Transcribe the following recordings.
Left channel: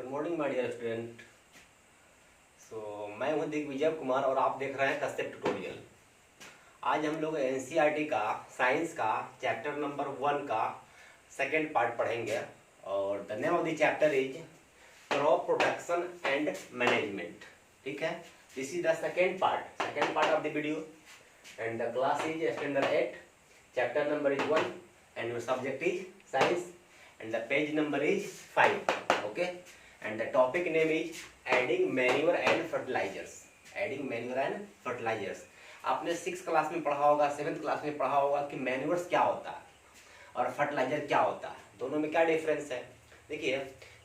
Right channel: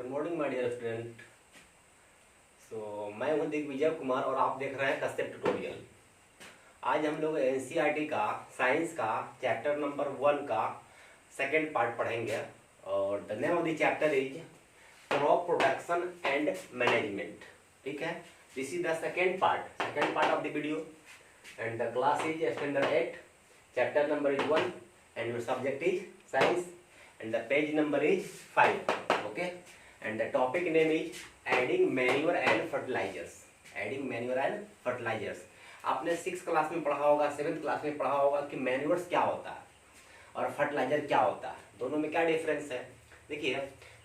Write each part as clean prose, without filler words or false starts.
Good morning my dear student. मैं हूं दिग्विजय कुमार और आप देख रहे हैं कश्यप ट्यूटोरियल। आज हम लोग एनसीईआरटी का साइंस का चैप्टर नंबर 1 का सेकेंड पार्ट पढ़ेंगे और the name of the chapter is crop protection and management. ठीक है, this is the second part of the video and the class is standard 8, chapter number is 1 and your subject is science and the page number is 5. Okay, and the topic name is adding manure and fertilizers. आपने 6th class में पढ़ा होगा, 7th class में पढ़ा होगा कि manures क्या होता है और फर्टिलाइजर क्या होता है, दोनों में क्या डिफरेंस है। देखिए,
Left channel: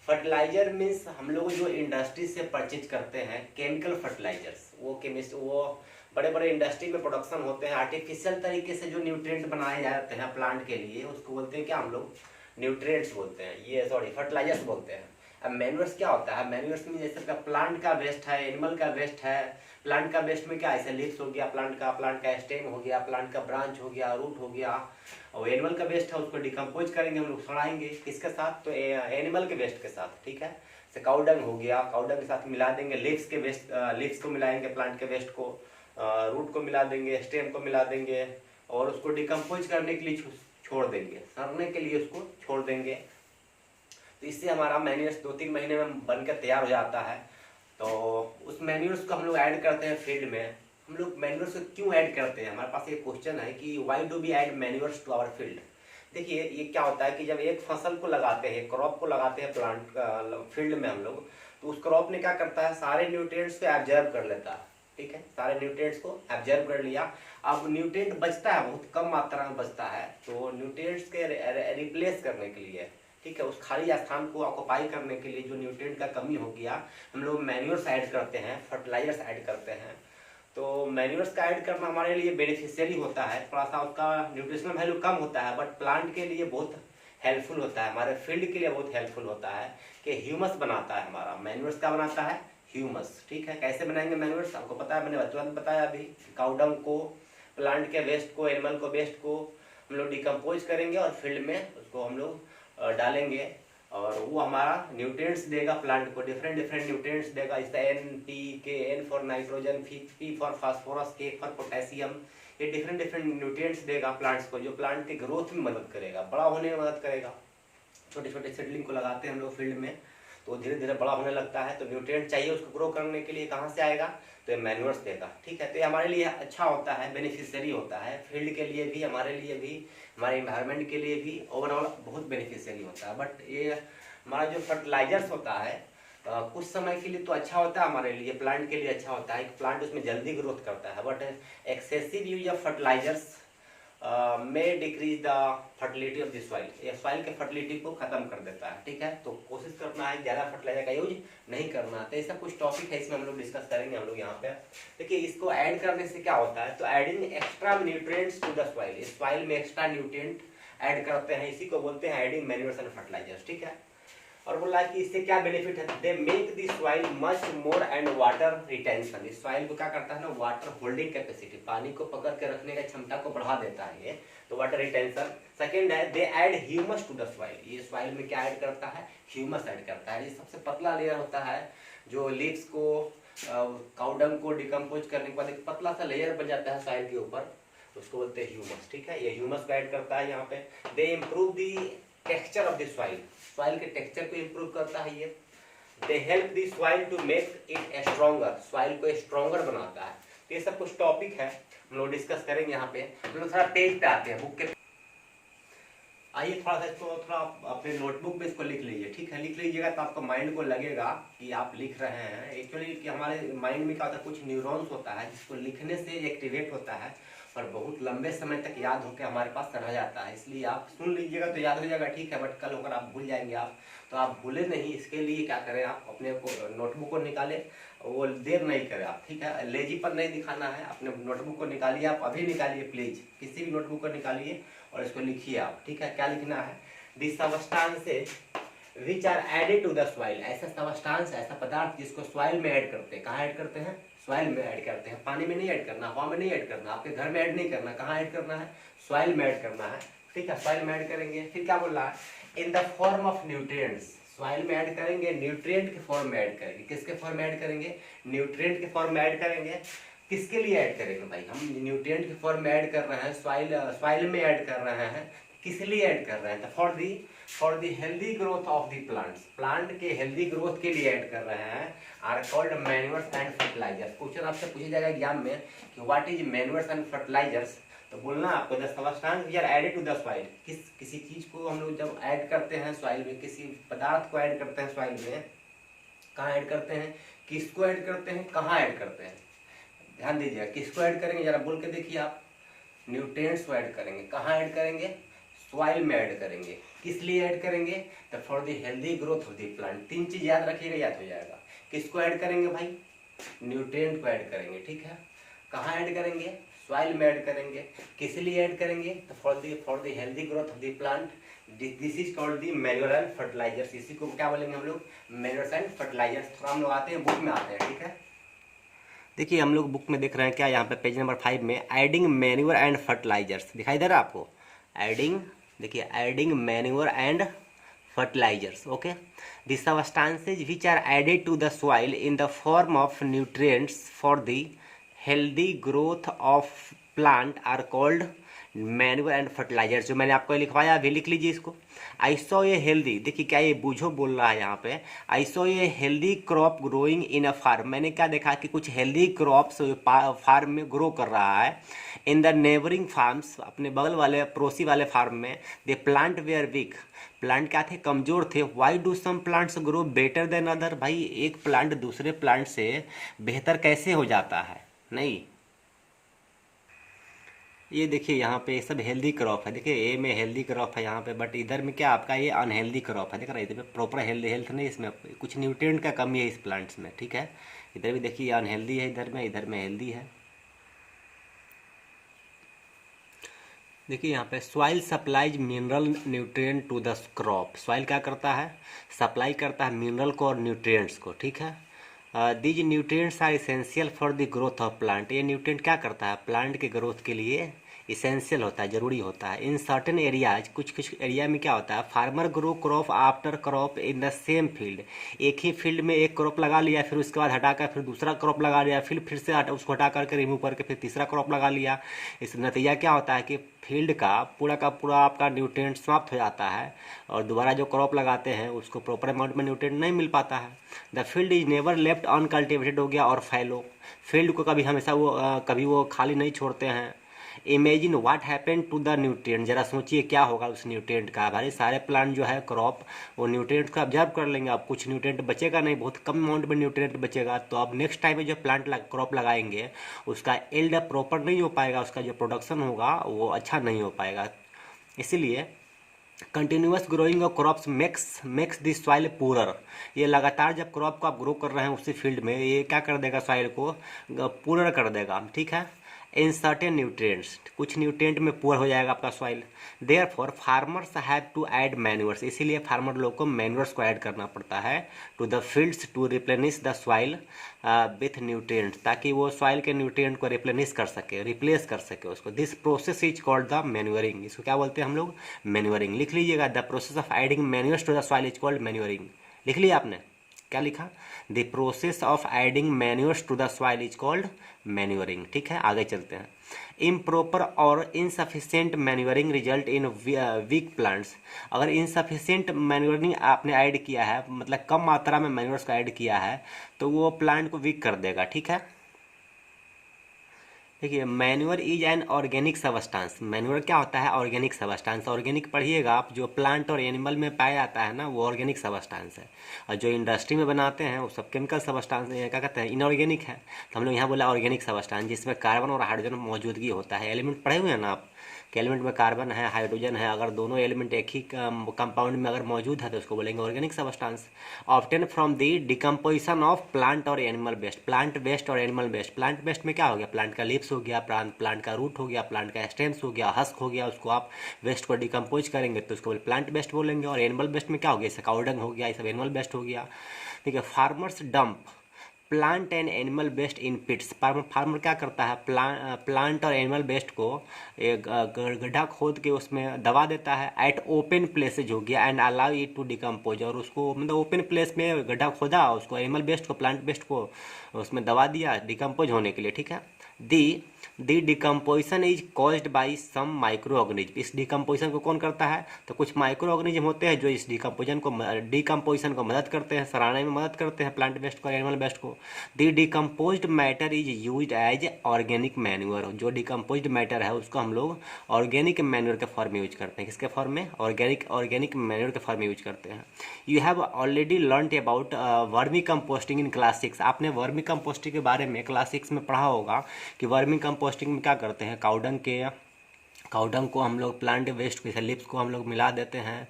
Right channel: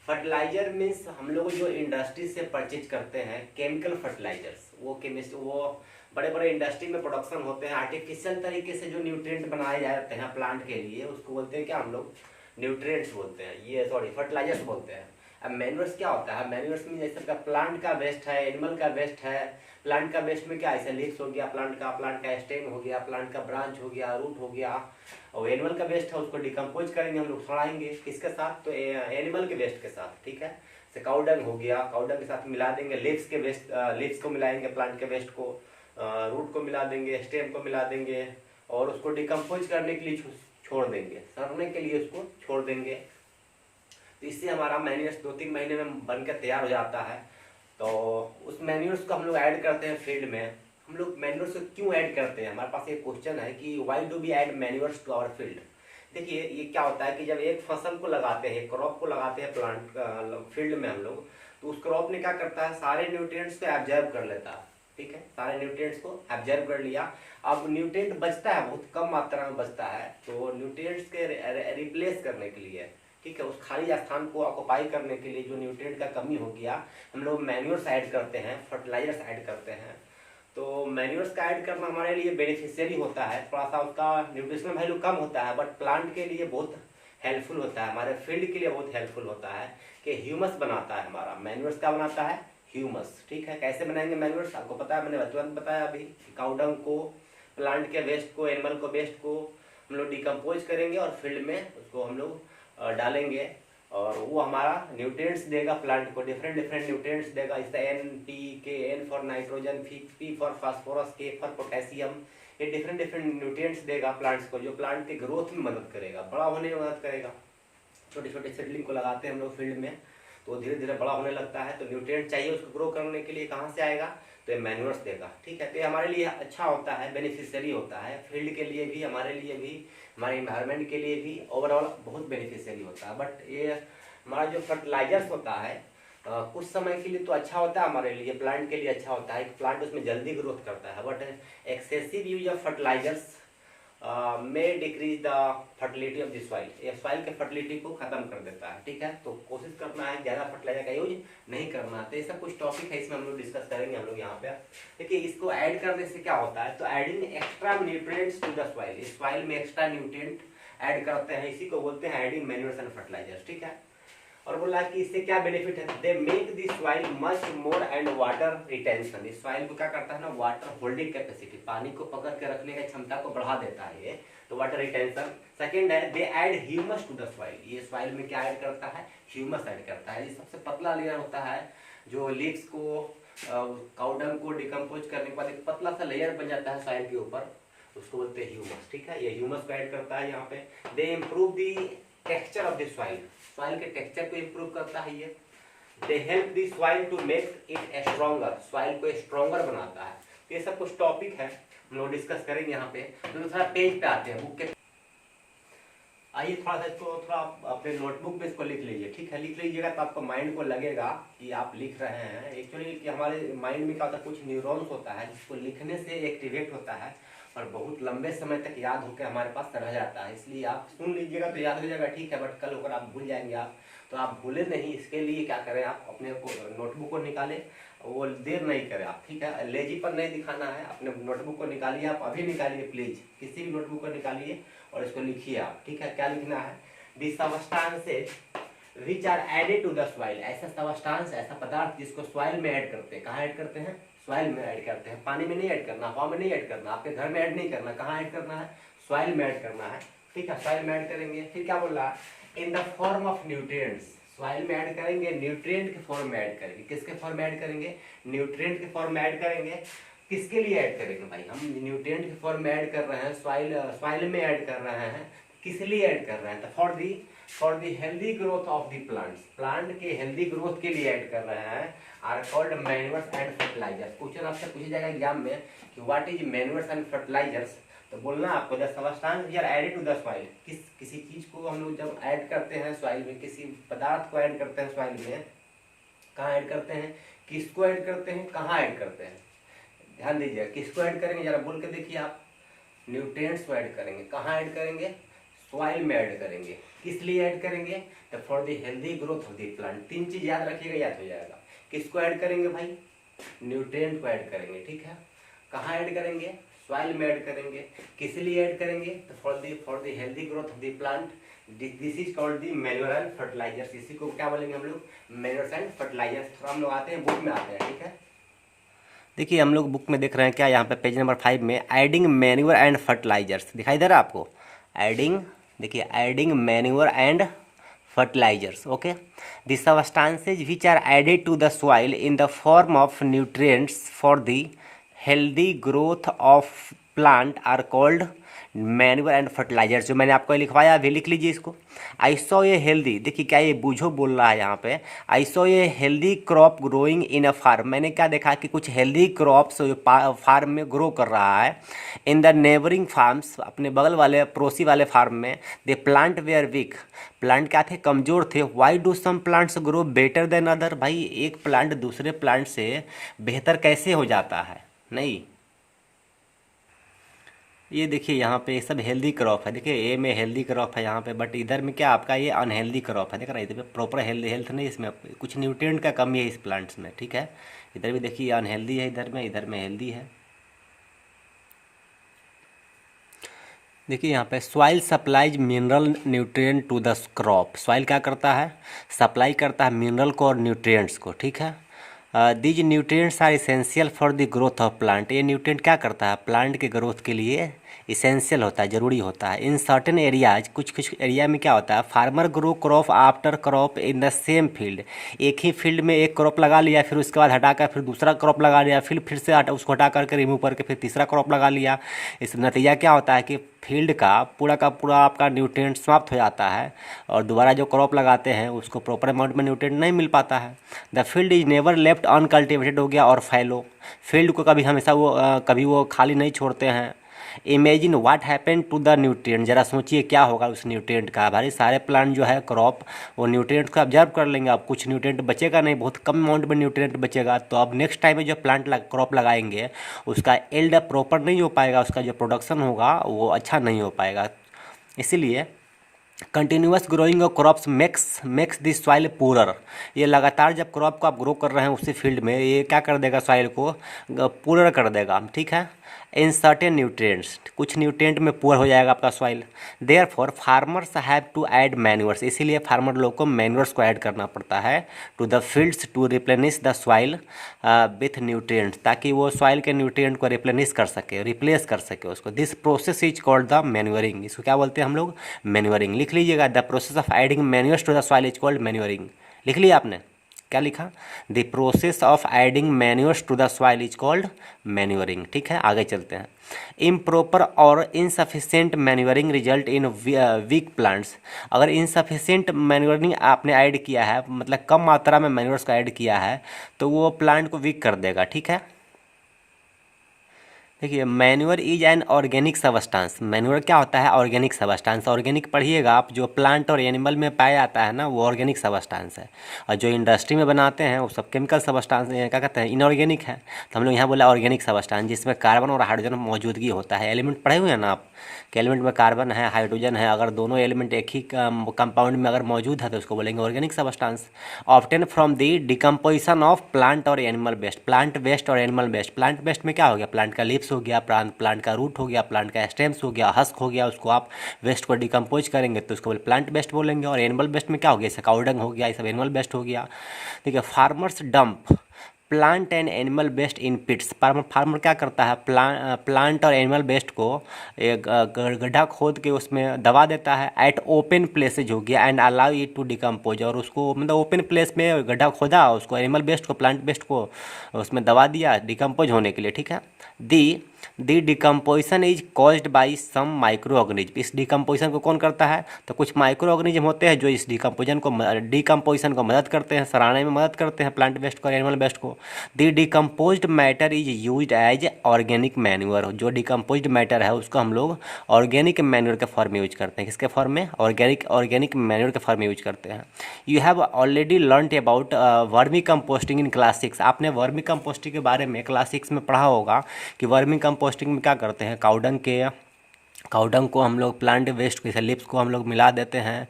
फर्टिलाइजर मीन्स हम लोग जो इंडस्ट्री से परचेज करते हैं केमिकल फर्टिलाइजर्स, वो बड़े बड़े इंडस्ट्री में प्रोडक्शन होते हैं, आर्टिफिशियल तरीके से जो न्यूट्रिएंट बनाए जाते हैं प्लांट के लिए, उसको बोलते हैं क्या हम लोग, न्यूट्रिएंट्स बोलते हैं, फर्टिलाइजर्स बोलते हैं। अब मैन्योर्स क्या होता है, मैन्योर्स में जैसे प्लांट का वेस्ट है, एनिमल का वेस्ट है। प्लांट का वेस्ट में क्या, ऐसे लीव्स हो गया प्लांट का स्टेम हो गया, प्लांट का ब्रांच हो गया, रूट हो गया, और एनिमल का वेस्ट है उसको डिकम्पोज करेंगे हम लोग, सड़ाएंगे किसके साथ, तो एनिमल के वेस्ट के साथ। ठीक है, जैसे काउडंग हो गया, काउडंग के साथ मिला देंगे लीव्स के वेस्ट, लीव्स को मिलाएंगे प्लांट के वेस्ट को, रूट को मिला देंगे, स्टेम को मिला देंगे और उसको डिकम्पोज करने के लिए छोड़ देंगे, सड़ने के लिए उसको छोड़ देंगे। तो इससे हमारा मैन्योर्स 2-3 महीने में बनकर तैयार हो जाता है। तो उस मैन्योर्स को हम लोग ऐड करते हैं फील्ड में। हम लोग मैन्योर्स को क्यों ऐड करते हैं, हमारे पास एक क्वेश्चन है कि why do we add manures to our field. देखिए, ये क्या होता है कि जब एक फसल को लगाते हैं, क्रॉप को लगाते हैं प्लांट फील्ड में हम लोग, तो उस क्रॉप ने क्या करता है, सारे न्यूट्रिएंट्स को एब्जॉर्ब कर लेता है। ठीक है, सारे न्यूट्रिएंट्स को एब्जॉर्ब कर लिया। अब न्यूट्रिएंट बचता है, बहुत कम मात्रा में बचता है, तो न्यूट्रिएंट्स के रिप्लेस करने के लिए, ठीक है, उस खाली स्थान को ऑक्युपाई करने के लिए जो न्यूट्रिएंट का कमी हो गया, हम लोग मैन्योर्स ऐड करते हैं, फर्टिलाइजर्स ऐड करते हैं। तो मैन्योर्स का ऐड करना हमारे लिए बेनिफिशियरी होता है, थोड़ा सा उसका न्यूट्रिशनल वैल्यू कम होता है, बट प्लांट के लिए बहुत हेल्पफुल होता है, हमारे फील्ड के लिए बहुत हेल्पफुल होता है कि ह्यूमस बनाता है हमारा। मैन्योर्स का बनाता है ह्यूमस। ठीक है, कैसे बनाएंगे मैन्योर्स, आपको पता है, मैंने बचपन में बताया अभी, काउडंग को, प्लांट के वेस्ट को, एनिमल को वेस्ट को हम लोग डिकम्पोज करेंगे और फील्ड में उसको हम लोग डालेंगे और वो हमारा न्यूट्रिएंट्स देगा प्लांट को, डिफरेंट न्यूट्रिएंट्स देगा। जैसे NPK, N for nitrogen, P for phosphorus, K for potassium, ये डिफरेंट न्यूट्रिएंट्स देगा प्लांट्स को, जो प्लांट के ग्रोथ में मदद करेगा, बड़ा होने में मदद करेगा। छोटे छोटे सीडलिंग को लगाते हैं हम लोग फील्ड में, तो धीरे धीरे बड़ा होने लगता है, तो न्यूट्रिएंट चाहिए उसको ग्रो करने के लिए, कहाँ से आएगा, तो ये मैन्योर्स देगा। ठीक है, तो ये हमारे लिए अच्छा होता है, बेनिफिशियरी होता है, फील्ड के लिए भी, हमारे लिए भी, हमारे इन्वायरमेंट के लिए भी ओवरऑल बहुत बेनिफिशियरी होता है। बट ये हमारा जो फर्टिलाइजर्स होता है कुछ समय के लिए तो अच्छा होता है, हमारे लिए प्लांट के लिए अच्छा होता है, प्लांट उसमें जल्दी ग्रोथ करता है, but excessive use of fertilisers में decrease the fertility of the soil, ये सॉइल के फर्टिलिटी को खत्म कर देता है। ठीक है, तो कोशिश करना है ज़्यादा फर्टिलाइजर का यूज नहीं करना। तो ऐसा कुछ टॉपिक है, इसमें हम लोग डिस्कस करेंगे हम लोग यहाँ पे। देखिए, इसको ऐड करने से क्या होता है, तो adding extra nutrients to the soil, इस सॉइल में एक्स्ट्रा न्यूट्रिएंट ऐड करते हैं, इसी को बोलते हैं एडिंग मैन्योर्स एंड फर्टिलाइजर्स। ठीक है, और बोला कि इससे क्या बेनिफिट है, they make the soil much more and water retention, इस सॉइल को क्या करता है ना, वाटर होल्डिंग कैपेसिटी, पानी को पकड़ के रखने की क्षमता को बढ़ा देता है ये, तो वाटर रिटेंशन। सेकंड है, they add humus to the soil, ये सॉइल में क्या ऐड करता है, ह्यूमस ऐड करता है। ये सबसे पतला लेयर होता है, जो लीव्स को, काउडंग को डिकम्पोज करने के बाद एक पतला सा लेयर बन जाता है सॉइल के ऊपर, उसको बोलते हैं ह्यूमस। ठीक है, ये ह्यूमस को ऐड करता है यहाँ पे। They improve the texture of the soil, soil के टेक्सचर को इम्प्रूव करता है ये। They help the soil to make it stronger, soil को स्ट्रॉन्गर बनाता है। तो ये सब कुछ टॉपिक है, हम लोग डिस्कस करेंगे यहाँ पे। हम लोग थोड़ा पेज पे आते हैं, बुक के आइए, थोड़ा सा इसको थोड़ा अपने नोटबुक में इसको लिख लीजिए। ठीक है, लिख लीजिएगा तो आपको माइंड को लगेगा कि आप लिख रहे हैं। एक्चुअली कि हमारे माइंड में क्या होता है, कुछ न्यूरॉन्स होता है जिसको लिखने से एक्टिवेट होता है और बहुत लंबे समय तक याद होकर हमारे पास रह जाता है। इसलिए आप सुन लीजिएगा तो याद हो जाएगा, ठीक है, बट कल होकर आप भूल जाएंगे आप, तो आप भूले नहीं, इसके लिए क्या करें, आप अपने को नोटबुक को निकालें, वो देर नहीं करें आप। ठीक है, लेजीपन नहीं दिखाना है, अपने नोटबुक को निकालिए, आप अभी निकालिए प्लीज, किसी भी नोटबुक को निकालिए और इसको लिखिए आप। ठीक है, क्या लिखना है, the substances which are added to the soil, ऐसा सबस्टांस, ऐसा पदार्थ जिसको सॉइल में ऐड करते हैं। कहाँ ऐड करते हैं, सॉइल में ऐड करते हैं, पानी में नहीं ऐड करना, हवा में नहीं ऐड करना, आपके घर में ऐड नहीं करना, कहाँ ऐड करना है, सॉइल में ऐड करना है। ठीक है, सॉइल में ऐड करेंगे। फिर क्या बोल रहा है, in the form of nutrients, soil में ऐड करेंगे, न्यूट्रिएंट के फॉर्म में ऐड करेंगे। किसके फॉर्म में ऐड करेंगे? न्यूट्रिएंट के फॉर्म में ऐड करेंगे। किसके लिए ऐड करेंगे भाई? हम न्यूट्रिएंट के फॉर्म में ऐड कर रहे हैं, सॉइल में ऐड कर रहे हैं। किस लिए ऐड कर रहे हैं? तो for the healthy growth of the plants, plant के हेल्दी ग्रोथ के लिए ऐड कर रहे हैं। Are called manures and fertilisers. Question आपसे पूछा जाएगा एग्जाम में कि what is manures and fertilisers, तो बोलना आपको the substance we are added to the soil. किसी चीज को हम लोग जब ऐड करते हैं सॉइल में, किसी पदार्थ को ऐड करते हैं सॉइल में, कहाँ ऐड करते हैं, किसको ऐड करते हैं, कहाँ ऐड करते हैं? ध्यान दीजिए, किसको ऐड करेंगे जरा बोल के देखिए आप। न्यूट्रिएंट्स को ऐड करेंगे। कहाँ ऐड करेंगे? सॉइल में ऐड करेंगे। किस लिए ऐड करेंगे? तो for the healthy growth of the plant. तीन चीज याद रखिएगा, याद हो जाएगा। किसको ऐड करेंगे भाई? न्यूट्रिएंट को ऐड करेंगे, ठीक है। कहाँ ऐड करेंगे? सॉइल में ऐड करेंगे। किस लिए ऐड करेंगे? तो for the healthy growth of the plant. This is called the manure and fertilisers. इसी को क्या बोलेंगे हम लोग? Manure and fertilisers. थोड़ा हम लोग आते हैं बुक में आते हैं, ठीक है। देखिए हम लोग बुक में देख रहे हैं क्या, यहाँ पे पेज नंबर 5 में एडिंग मैन्योर एंड फर्टिलाइजर्स दिखाई दे रहा है आपको। एडिंग, देखिए adding manure and fertilizers. Okay, the substances which are added to the soil in the form of nutrients for the healthy growth of plant are called manure and fertilisers. जो मैंने आपको लिखवाया अभी लिख लीजिए इसको। आई सॉ ए हेल्दी, देखिए क्या ये बूझो बोल रहा है यहाँ पे। I saw a healthy crop growing in a farm. मैंने क्या देखा कि कुछ हेल्दी क्रॉप्स फार्म में ग्रो कर रहा है। इन द नेबरिंग फार्म्स, अपने बगल वाले पड़ोसी वाले फार्म में। They plant were weak, plant क्या थे? कमजोर थे। Why do some plants grow better than other. भाई एक प्लांट दूसरे प्लांट से बेहतर कैसे हो जाता है? नहीं, ये देखिए यहाँ पे सब हेल्दी क्रॉप है। देखिए ए में हेल्दी क्रॉप है यहाँ पे, बट इधर में क्या आपका ये अनहेल्दी क्रॉप है। देख रहा है इधर प्रॉपर हेल्थ नहीं, इसमें कुछ न्यूट्रिएंट का कमी है इस प्लांट्स में, ठीक है। इधर भी देखिए अनहेल्दी है, इधर में हेल्दी है। देखिए यहाँ पे soil supplies mineral nutrient to the crop. Soil क्या करता है? सप्लाई करता है मिनरल को और न्यूट्रिएंट्स को, ठीक है। These nutrients are essential for the growth of plant. ये न्यूट्रिएंट क्या करता है? प्लांट के ग्रोथ के लिए इसेंशियल होता है, ज़रूरी होता है। इन सर्टेन एरियाज, कुछ एरिया में क्या होता है? Farmer grow crop after crop in the same field. एक ही फील्ड में एक क्रॉप लगा लिया, फिर उसके बाद हटाकर फिर दूसरा क्रॉप लगा लिया, फिर से उसको हटा करके रिमूव करके फिर तीसरा क्रॉप लगा लिया। इस नतीजा क्या होता है कि फील्ड का पूरा आपका न्यूट्रिएंट समाप्त हो जाता है और दोबारा जो क्रॉप लगाते हैं उसको प्रॉपर अमाउंट में न्यूट्रिएंट नहीं मिल पाता है। The field is never left uncultivated हो गया और फैलो। फील्ड को कभी हमेशा कभी वो खाली नहीं छोड़ते हैं। Imagine what happen to the nutrient. जरा सोचिए क्या होगा उस न्यूट्रिएंट का। भाई सारे प्लांट जो है क्रॉप वो न्यूट्रिएंट को ऑब्जर्व कर लेंगे। अब कुछ न्यूट्रिएंट बचेगा नहीं, बहुत कम अमाउंट में न्यूट्रिएंट बचेगा। तो अब नेक्स्ट टाइम में जो प्लांट क्रॉप लगाएंगे उसका एल्ड प्रॉपर नहीं हो पाएगा, उसका जो प्रोडक्शन होगा वो अच्छा नहीं हो पाएगा। इसीलिए continuous growing of crops makes this soil poorer. ये लगातार जब क्रॉप को आप ग्रो कर रहे हैं उसी फील्ड में, ये क्या कर देगा? सॉइल को पूरर कर देगा, ठीक है। इन सर्टेन न्यूट्रिएंट्स, कुछ न्यूट्रिएंट में पुअर हो जाएगा आपका soil. Therefore farmers have to add manures. इसीलिए फार्मर लोग को मैन्योर्स को ऐड करना पड़ता है to the fields to replenish the soil with nutrients, ताकि वो सॉइल के न्यूट्रिएंट को रिप्लेनिश कर सके, रिप्लेस कर सके उसको। This process is called the manuring. इसको क्या बोलते हैं हम लोग? मैन्योरिंग। लिख लीजिएगा, the process of adding manures to the soil is called manuring. लिख लिया आपने? क्या लिखा? The process of adding manures to the soil is called manuring, ठीक है। आगे चलते हैं। इम्प्रॉपर और insufficient manuring result in weak plants. अगर इनसफिशिएंट मैन्योरिंग आपने ऐड किया है, मतलब कम मात्रा में मैन्योर्स का ऐड किया है, तो वो प्लांट को वीक कर देगा, ठीक है। देखिए manure is an organic substance. Manure क्या होता है? Organic substance. ऑर्गेनिक पढ़िएगा आप, जो प्लांट और एनिमल में पाया जाता है ना वो ऑर्गेनिक सबस्टांस है, और जो इंडस्ट्री में बनाते हैं वो सब केमिकल सबस्टांस क्या कहते हैं? इनऑर्गेनिक है। तो हम लोग यहाँ बोला ऑर्गेनिक सबस्टांस, जिसमें कार्बन और हाइड्रोजन मौजूदगी होता है। एलिमेंट पढ़े हुए हैं ना आप कि एलिमेंट में कार्बन है, हाइड्रोजन है, अगर दोनों एलिमेंट एक ही कंपाउंड में अगर मौजूद है तो उसको बोलेंगे organic substance. Obtain from the decomposition of plant और एनिमल वेस्ट। प्लांट वेस्ट और एनिमल वेस्ट। प्लांट वेस्ट में क्या हो गया? प्लांट का लीव्स हो गया, प्लांट का रूट हो गया, प्लांट का स्टेम्स हो गया, हस्क हो गया। उसको आप वेस्ट को डिकम्पोज करेंगे तो उसको प्लांट वेस्ट बोलेंगे। और एनिमल वेस्ट में क्या हो गया? जैसे काउडंग हो गया, ये सब एनिमल वेस्ट हो गया। ठीक है। Farmers dump plant and animal waste in pits. Farmer क्या करता है, प्लांट और एनिमल वेस्ट को एक गड्ढा खोद के उसमें दबा देता है। एट ओपन प्लेसेज हो गया and allow it to decompose, और उसको मतलब ओपन प्लेस में गड्ढा खोदा, उसको एनिमल वेस्ट को प्लांट वेस्ट को उसमें दबा दिया डिकम्पोज होने के लिए, ठीक है। The decomposition is caused by some micro organism. इस डिकम्पोजिशन को कौन करता है, तो कुछ माइक्रो ऑर्गेनिज्म होते हैं जो इस डिकम्पोजिशन को मदद करते हैं, सराहने में मदद करते हैं प्लांट वेस्ट को, एनिमल वेस्ट को। The decomposed matter is used as organic manure. जो डिकम्पोज्ड मैटर है उसको हम लोग ऑर्गेनिक मैन्योर के फॉर्म में यूज करते हैं। किसके फॉर्म में, ऑर्गेनिक मैन्योर के फॉर्म में यूज करते हैं। You have already learned about vermicomposting in class 6। आपने वर्मी कंपोस्टिंग के बारे में क्लास 6 में पढ़ा होगा कि वर्मी कंपोस्टिंग में क्या करते हैं, काउडंग को हम लोग प्लांट वेस्ट के लिप्स को हम लोग मिला देते हैं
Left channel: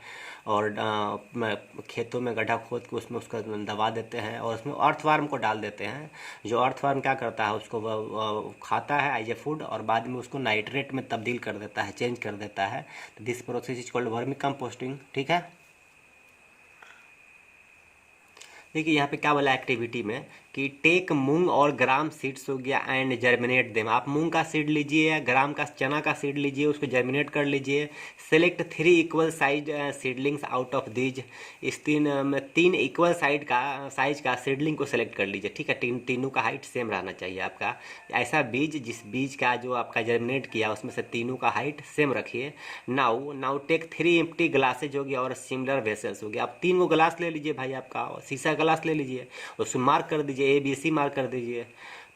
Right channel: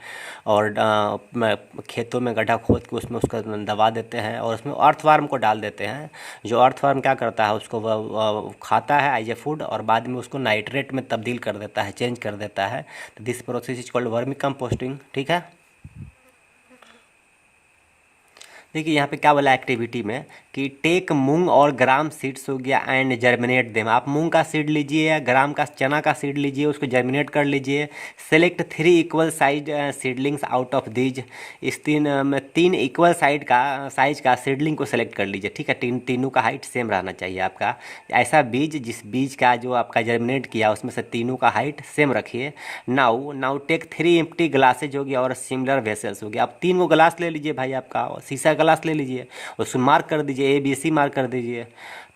और खेतों में गड्ढा खोद के उसमें उसका दबा देते हैं और उसमें अर्थवार्म को डाल देते हैं। जो अर्थवार्म क्या करता है, उसको वह खाता है एज ए फूड और बाद में उसको नाइट्रेट में तब्दील कर देता है, चेंज कर देता है। तो this process is called vermi composting, ठीक है। देखिए यहाँ पे क्या बोला एक्टिविटी में कि टेक मूंग और ग्राम सीड्स हो गया एंड जर्मिनेट देम। आप मूंग का सीड लीजिए या ग्राम का चना का सीड लीजिए, उसको जर्मिनेट कर लीजिए। Select 3 equal size seedlings out of these. इस तीन इक्वल साइज का सीडलिंग को सेलेक्ट कर लीजिए, ठीक है। तीनों का हाइट सेम रहना चाहिए आपका। ऐसा बीज जिस बीज का जो आपका जर्मिनेट किया उसमें से तीनों का हाइट सेम रखिए। नाउ टेक 3 एम्प्टी ग्लासेज हो गया और सिमिलर वेसल्स हो गया। आप 3 को ग्लास ले लीजिए भाई, आपका शीशा ग्लास ले लीजिए, उसमें मार्क कर दीजिए, ABC मार्क कर दीजिए।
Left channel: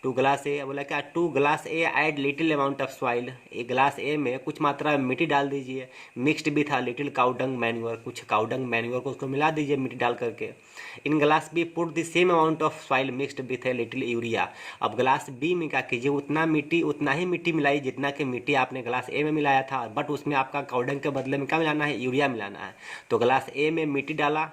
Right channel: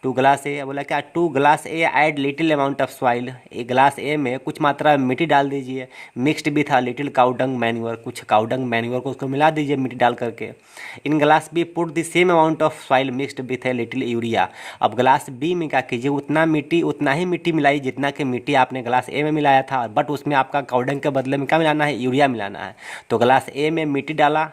2 ग्लास ए बोला क्या, 2 glass A add little amount of soil. एक ग्लास ए में कुछ मात्रा में मिट्टी डाल दीजिए। Mixed with a little cow dung manure, कुछ काउडंग मैन्योर को उसको मिला दीजिए मिट्टी डाल करके। In glass B put the same amount of soil mixed with a little urea. अब ग्लास बी में क्या कीजिए, उतना ही मिट्टी मिलाई जितना कि मिट्टी आपने ग्लास ए में मिलाया था, बट उसमें आपका काउडंग के बदले में क्या मिलाना है, यूरिया मिलाना है। तो ग्लास ए में मिट्टी डाला,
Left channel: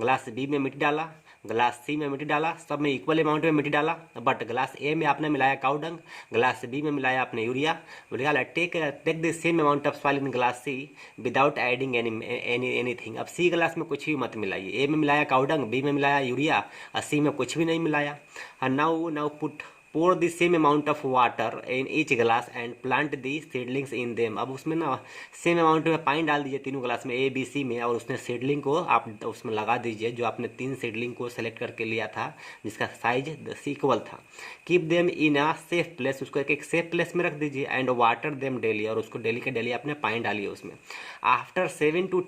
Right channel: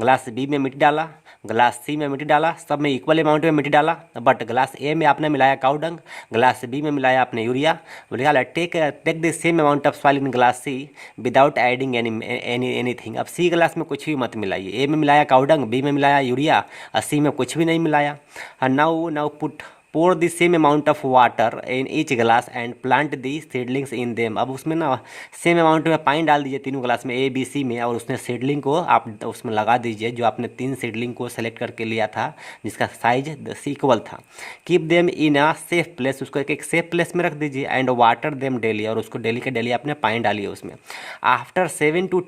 ग्लास बी में मिट्टी डाला, ग्लास सी में मिट्टी डाला, सब में इक्वल अमाउंट में मिट्टी डाला, बट ग्लास ए में आपने मिलाया काउडंग, ग्लास बी में मिलाया आपने यूरिया। बोले take the same amount of soil in glass C without adding anything. अब सी ग्लास में कुछ भी मत मिलाइए, ए में मिलाया काउडंग, बी में मिलाया यूरिया और सी में कुछ भी नहीं मिलाया। Now put pour the same amount of water in each glass and plant the seedlings in them। अब उसमें ना सेम अमाउंट में पानी डाल दीजिए तीनों ग्लास में, ABC में, और उसमें सीडलिंग को आप उसमें लगा दीजिए जो आपने 3 सीडलिंग को सेलेक्ट करके लिया था जिसका साइज इक्वल था। Keep them in a safe place, उसको एक सेफ प्लेस में रख दीजिए। एंड वाटर देम डेली, और उसको डेली के डेली आपने पानी डालिए उसमें। After 7 to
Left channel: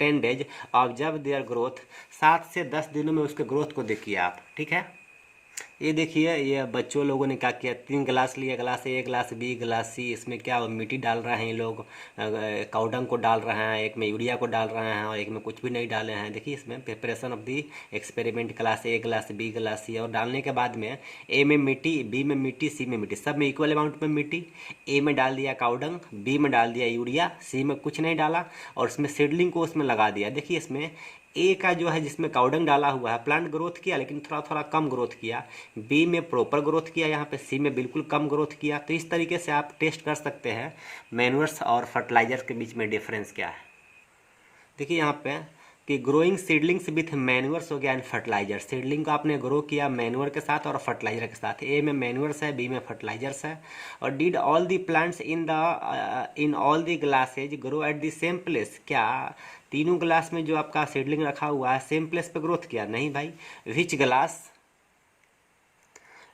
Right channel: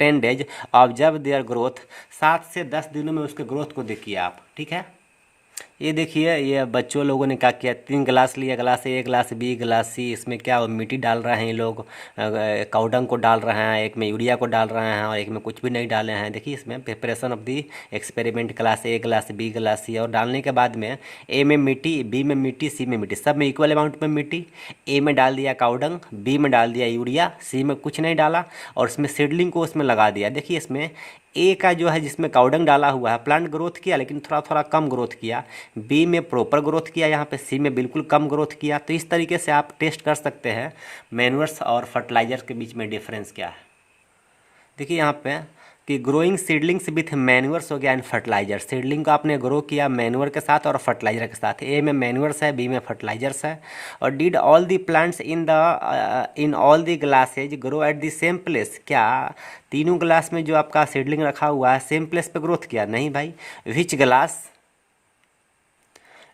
10 days observe their growth. 7 से 10 दिनों में उसके ग्रोथ को देखिए आप, ठीक है। ये देखिए ये बच्चों लोगों ने क्या किया, 3 गिलास लिया, glass A, glass B, glass C. इसमें क्या मिट्टी डाल रहे हैं ये लोग, काउडंग को डाल रहे हैं, एक में यूरिया को डाल रहे हैं और एक में कुछ भी नहीं डाले हैं। देखिए इसमें preparation of the experiment, glass A, glass B, glass C. और डालने के बाद में ए में मिट्टी, बी में मिट्टी, सी में मिट्टी, सब में इक्वल अमाउंट में मिट्टी। ए में डाल दिया काउडंग, बी में डाल दिया यूरिया, सी में कुछ नहीं डाला और इसमें सीडलिंग को उसमें लगा दिया। देखिए इसमें ए का जो है जिसमें काउडंग डाला हुआ है प्लांट ग्रोथ किया लेकिन थोड़ा थोड़ा कम ग्रोथ किया, बी में प्रॉपर ग्रोथ किया, यहाँ पे सी में बिल्कुल कम ग्रोथ किया। तो इस तरीके से आप टेस्ट कर सकते हैं मैन्योर्स और फर्टिलाइजर के बीच में डिफरेंस क्या है। देखिए यहाँ पे कि ग्रोइंग सीडलिंग्स विथ मैन्योर्स हो गया एंड फर्टिलाइजर। सीडलिंग को आपने ग्रो किया मैन्योर के साथ और फर्टिलाइजर के साथ। ए में मैन्योर्स है, बी में फर्टिलाइजर्स है। और did all the plants in all the glasses grow at the same place. क्या तीनों ग्लास में जो आपका सीडलिंग रखा हुआ है सेम प्लेस पे ग्रोथ किया? नहीं भाई।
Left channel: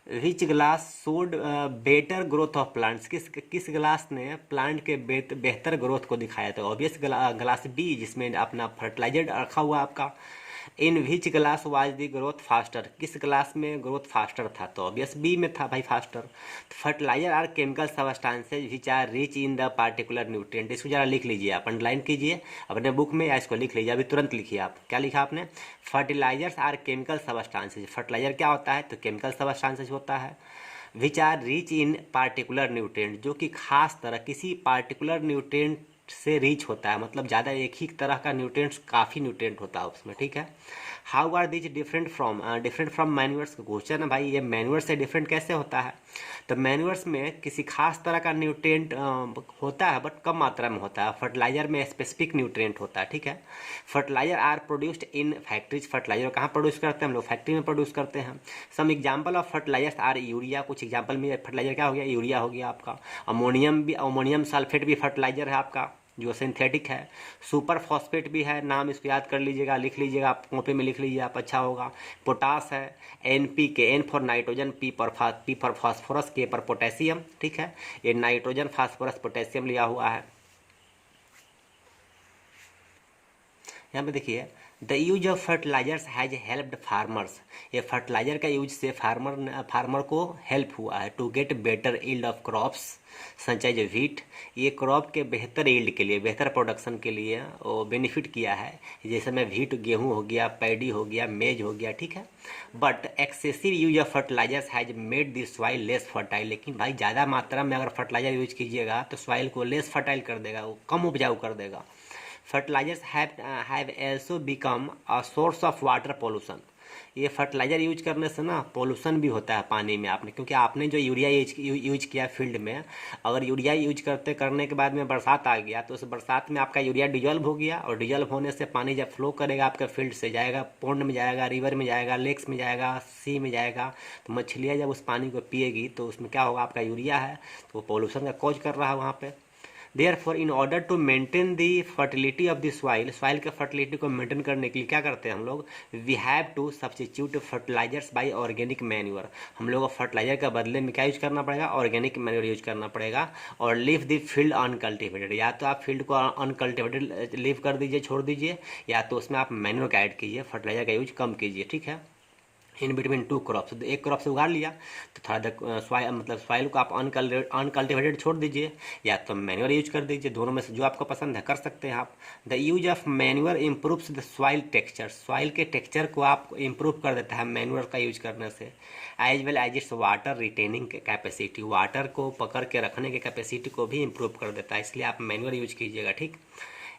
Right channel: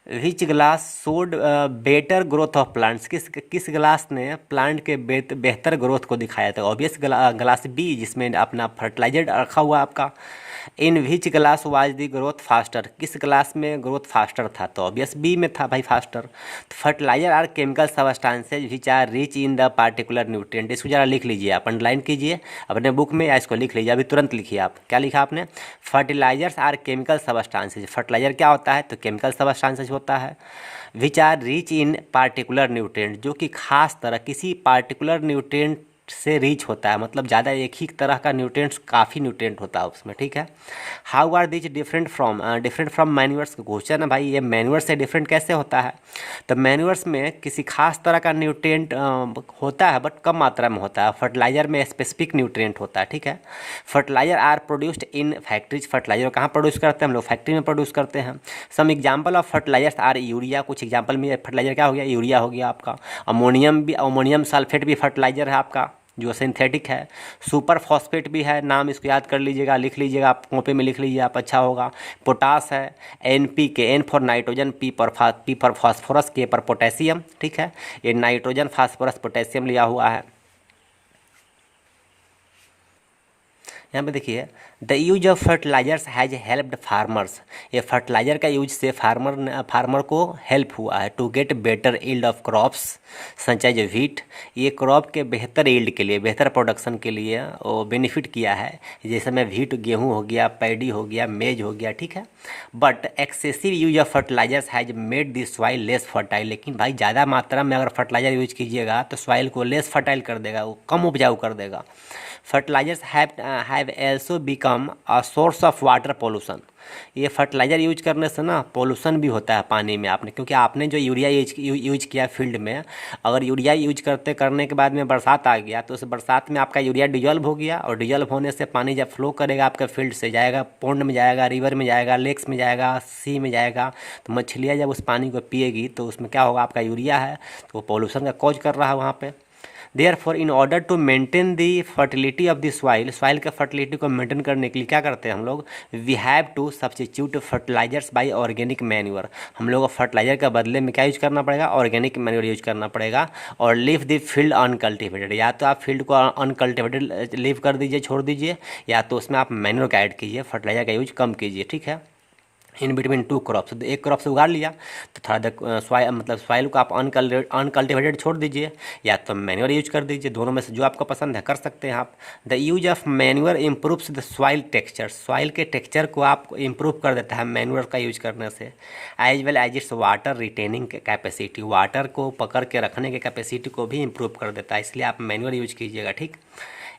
Which glass showed better growth of plants. किस ग्लास ने प्लांट के बेहतर ग्रोथ को दिखाया था? ऑब्वियस ग्लास बी जिसमें अपना फर्टिलाइजर रखा हुआ आपका। In which glass was the growth faster. किस ग्लास में ग्रोथ फास्टर था? तो ऑब्वियस बी में था भाई faster. Fertilizer are chemical substances which are rich in the particular nutrient. इसको जरा लिख लीजिए आप, अंडरलाइन कीजिए अपने बुक में या इसको लिख लीजिए, अभी तुरंत लिखिए आप। क्या लिखा आपने? Fertilisers are chemical substances. Fertiliser क्या होता है? तो केमिकल सब्सटेंसेज होता है। Which are rich in particular nutrient, जो कि खास तरह किसी पार्टिकुलर न्यूट्रिएंट से रिच होता है, मतलब ज़्यादा एक ही तरह का न्यूट्रिएंट्स, काफ़ी न्यूट्रिएंट होता है उसमें, ठीक है। How are these different from manures का क्वेश्चन है भाई, ये मैन्यूअर से डिफरेंट कैसे होता है। तो मैन्यूअर्स में किसी खास तरह का न्यूट्रिएंट होता है बट कम मात्रा में होता है, फर्टिलाइजर में स्पेसिफिक न्यूट्रिएंट होता है, ठीक है। Fertiliser are produced in factories, fertiliser कहाँ प्रोड्यूस करते हैं हम लोग, फैक्ट्री में प्रोड्यूस करते हैं। Some example of fertilisers are urea, कुछ एग्जाम्पल में फर्टिलाइजर क्या हो गया, यूरिया हो गया आपका। अमोनियम सल्फेट भी फर्टिलाइजर है आपका जो सिंथेटिक है। सुपर फॉस्फेट भी है, नाम इसको याद कर लीजिएगा, लिख लीजिएगा, आप कॉपी में लिख लीजिए आप, अच्छा होगा। पोटास है, NPK, N for nitrogen, P for phosphorus, K पर पोटेशियम, ठीक है। ये नाइट्रोजन, फास्फोरस, पोटेशियम लिया हुआ है। यहाँ पे देखिए, the use of fertilisers has helped farmers, ये फर्टिलाइजर का यूज से फार्मर को हेल्प हुआ है to get better yield of crops such as wheat, ये क्रॉप के बेहतर यील्ड के लिए, बेहतर प्रोडक्शन के लिए वो बेनिफिट किया है। जैसे में व्हीट, गेहूँ हो गया, पैडी हो गया, मेज हो गया, ठीक है। But excessive use of fertilisers has made the soil less fertile, लेकिन भाई ज़्यादा मात्रा में अगर फर्टिलाइजर यूज कीजिएगा तो सॉइल को लेस फर्टाइल कर देगा, वो कम उपजाऊ कर देगा। Fertilisers have also become a source of water pollution, ये फर्टिलाइजर यूज करने से ना पोल्यूशन भी होता है पानी में आपने, क्योंकि आपने जो यूरिया यूज किया फील्ड में, अगर यूरिया यूज करने के बाद में बरसात आ गया तो उस बरसात में आपका यूरिया डिजॉल्व हो गया, और डिजॉल्व होने से पानी जब फ्लो करेगा आपके फील्ड से, जाएगा पॉन्ड में, जाएगा रिवर में, जाएगा लेक्स में, जाएगा सी में जाएगा, तो मछलियाँ जब उस पानी को पिएगी तो उसमें क्या होगा, आपका यूरिया है तो वो पोल्यूशन का कॉज कर रहा है वहाँ पे। Therefore in order to maintain the fertility of the soil के फर्टिलिटी को मेंटेन करने के लिए क्या करते हैं हम लोग, we have to substitute fertilisers by organic manure, हम लोग को फर्टिलाइजर के बदले में क्या यूज करना पड़ेगा, ऑर्गेनिक मैन्योर यूज करना पड़ेगा। और लीव द फील्ड अनकल्टिवेटेड, या तो आप फील्ड को अनकल्टिवेटेड लीव कर दीजिए, छोड़ दीजिए, या तो उसमें आप मैन्योर का ऐड कीजिए, फर्टिलाइजर का यूज कम कीजिए, ठीक है। इन बिटवीन टू क्रॉप्स, एक क्रॉप से उगाड़ लिया तो थोड़ा सॉइल को आप अनकल्टिवेटेड छोड़ दीजिए, या तो मैन्योर यूज कर दीजिए, दोनों में से जो आपको पसंद है कर सकते हैं आप। The use of manure improves the soil texture, soil के टेक्सचर को आप इम्प्रूव कर देता है मैन्योर का यूज करने से। As well as its water retaining capacity, water को पकड़ के रखने के कैपेसिटी को भी इम्प्रूव कर देता है, इसलिए आप मैन्योर यूज कीजिएगा, ठीक।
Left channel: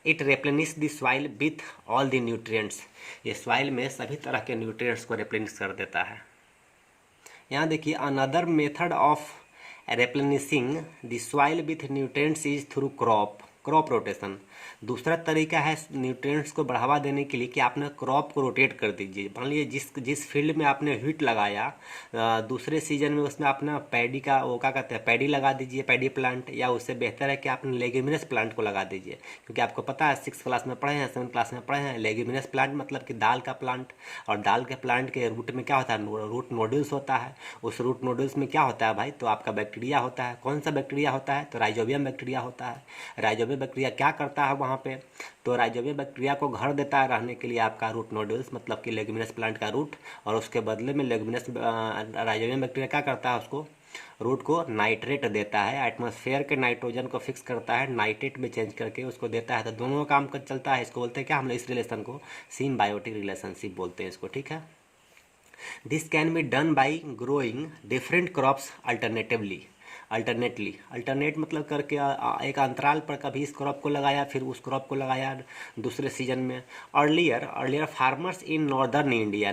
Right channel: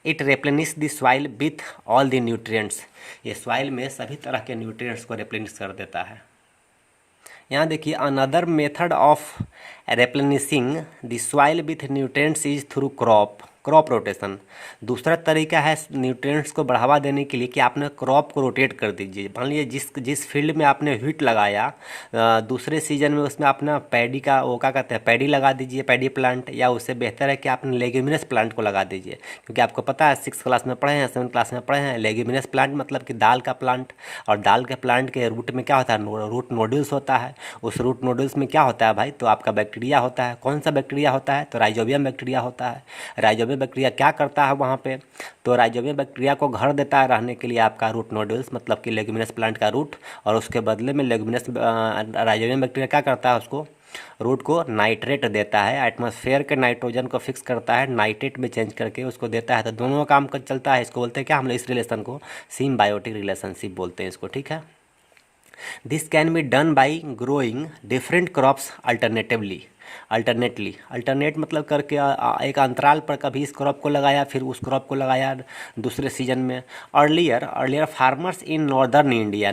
It replenish the soil with all the nutrients, ये सॉइल में सभी तरह के न्यूट्रिएंट्स को रिप्लेनिश कर देता है। यहाँ देखिए, another method of replenishing the soil with nutrients is through crop rotation. दूसरा तरीका है न्यूट्रिएंट्स को बढ़ावा देने के लिए कि आपने क्रॉप को रोटेट कर दीजिए। मान लीजिए जिस फील्ड में आपने व्हीट लगाया, दूसरे सीजन में उसमें अपना पैडी का, वो क्या कहते हैं, पैडी लगा दीजिए, पैडी प्लांट, या उससे बेहतर है कि आपने लेग्यूमिनस प्लांट को लगा दीजिए, क्योंकि आपको पता है 6th क्लास में पढ़े हैं, 7th क्लास में पढ़े हैं, लेग्यूमिनस प्लांट मतलब कि दाल का प्लांट, और दाल के प्लांट के रूट में क्या होता है, रूट नोड्यूल्स होता है। उस रूट नोड्यूल्स में क्या होता है भाई, तो आपका बैक्टीरिया होता है। कौन सा बैक्टीरिया होता है, तो राइजोबियम बैक्टीरिया होता है। राइजोबियम बैक्टीरिया क्या करता है वहाँ पे, तो राइजोबियम बैक्टीरिया को घर देता है रहने के लिए आपका रूट नोड्यूल्स, मतलब कि लेग्यूमिनस प्लांट का रूट, और उसके बदले में राइजोबियम बैक्टीरिया क्या करता है, उसको रूट को नाइट्रेट देता है, एटमॉस्फेयर के नाइट्रोजन को फिक्स करता है, नाइट्रेट में चेंज करके उसको देता है। तो दोनों काम कर चलता है, इसको बोलते हैं क्या हम लोग, इस रिलेशन को सिम्बायोटिक रिलेशनशिप बोलते हैं इसको, ठीक है। This can be done by growing different crops alternate मतलब करके एक अंतराल पर कभी इस क्रॉप को लगाया, फिर उस क्रॉप को लगाया दूसरे सीजन में। Earlier farmers in northern India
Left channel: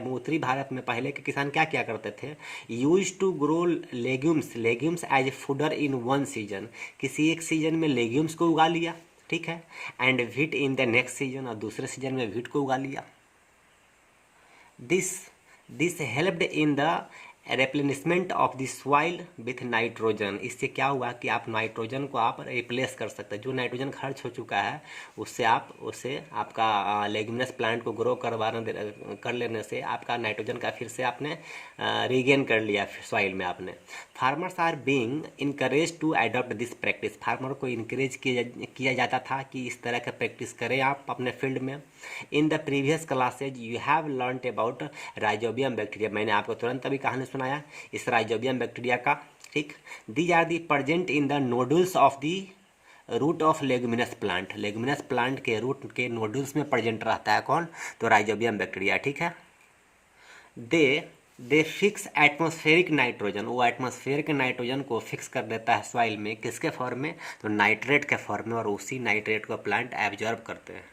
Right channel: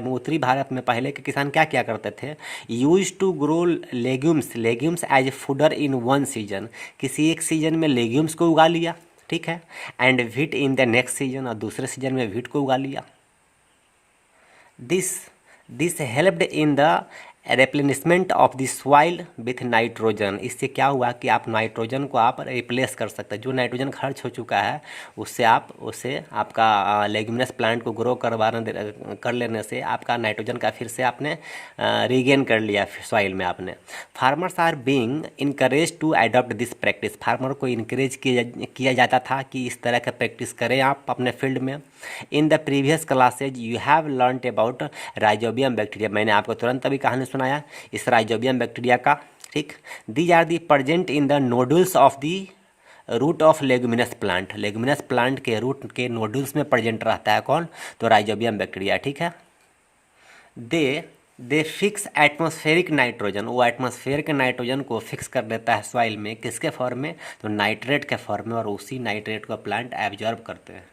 में, उत्तरी भारत में पहले के किसान क्या क्या करते थे, use to grow legumes as fodder in one season, किसी एक सीजन में लेग्यूम्स को उगा लिया, ठीक है, and wheat in the next season, और दूसरे सीजन में व्हीट को उगा लिया। This helped in the replenishment of the soil with nitrogen, इससे क्या हुआ कि आप नाइट्रोजन को आप रिप्लेस कर सकते हैं, जो नाइट्रोजन खर्च हो चुका है उससे आपका लेग्यूमिनस प्लांट को ग्रो कर लेने से आपका नाइट्रोजन का फिर से आपने रीगेन कर लिया सॉइल में आपने। Farmers are being encourage to adopt this practice, farmer को इनकरेज किया जाता था कि इस तरह का प्रैक्टिस करें आप अपने फील्ड में। In the previous classes you have learned about rhizobium bacteria, मैंने आपको तुरंत अभी कहानी सुनाया इस राइजोबियम बैक्टीरिया का, ठीक। These are the present in the nodules of the root of leguminous plant के रूट के नोडुल्स में प्रेजेंट रहता है कौन, तो राइजोबियम बैक्टीरिया, ठीक है। दे फिक्स एटमॉस्फेरिक नाइट्रोजन, वो एटमॉस्फेयर के नाइट्रोजन को फिक्स कर देता है सॉइल में, किसके फॉर्म में, तो नाइट्रेट के फॉर्म में, और उसी नाइट्रेट को प्लांट एब्जॉर्ब करते हैं।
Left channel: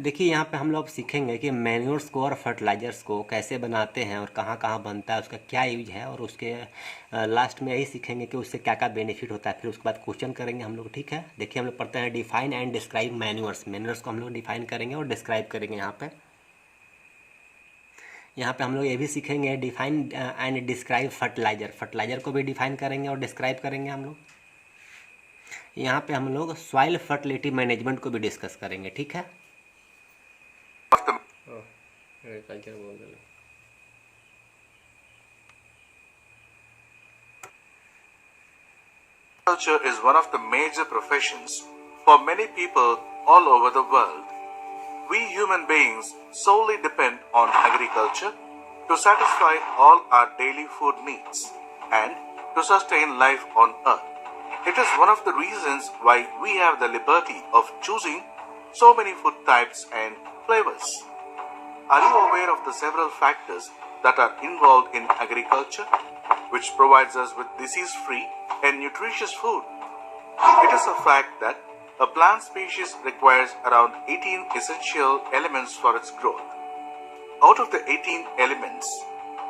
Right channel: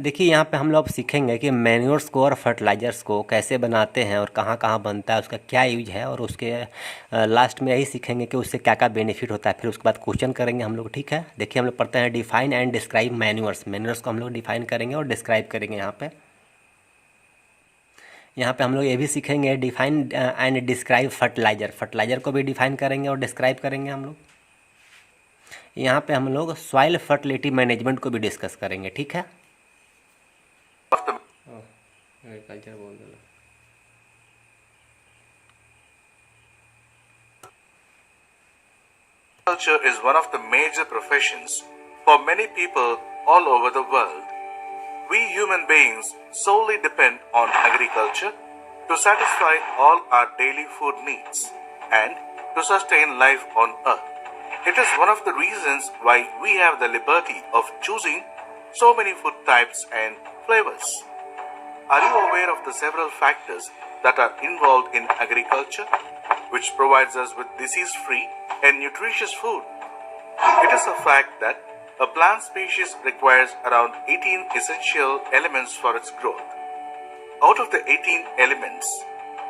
देखिए यहाँ पे हम लोग सीखेंगे कि मैन्योर्स को और फर्टिलाइजर्स को कैसे बनाते हैं और कहाँ कहाँ बनता है, उसका क्या यूज है, और उसके लास्ट में यही सीखेंगे कि उससे क्या क्या बेनिफिट होता है। फिर उसके बाद क्वेश्चन करेंगे हम लोग, ठीक है। देखिए हम लोग पढ़ते हैं define and describe manures. Manures को हम लोग डिफाइन करेंगे और डिस्क्राइब करेंगे। यहाँ पे हम लोग ये भी सीखेंगे define and describe fertiliser. Fertiliser को भी डिफाइन करेंगे और डिस्क्राइब करेंगे हम लोग। यहाँ पे हम लोग सॉइल फर्टिलिटी मैनेजमेंट को भी डिस्कस करेंगे, ठीक है। Agriculture is one of the major professions for many people all over the world. We human beings solely depend on agriculture to satisfy all our daily food needs and to sustain life on earth. It is one of the reasons why we have the liberty of choosing so many food types and flavors. Are you aware of the several factors that are involved in agriculture, which provides us with disease-free and nutritious food? It is a fact that a plant species requires around 18 essential elements for its growth. Out of the 18 elements,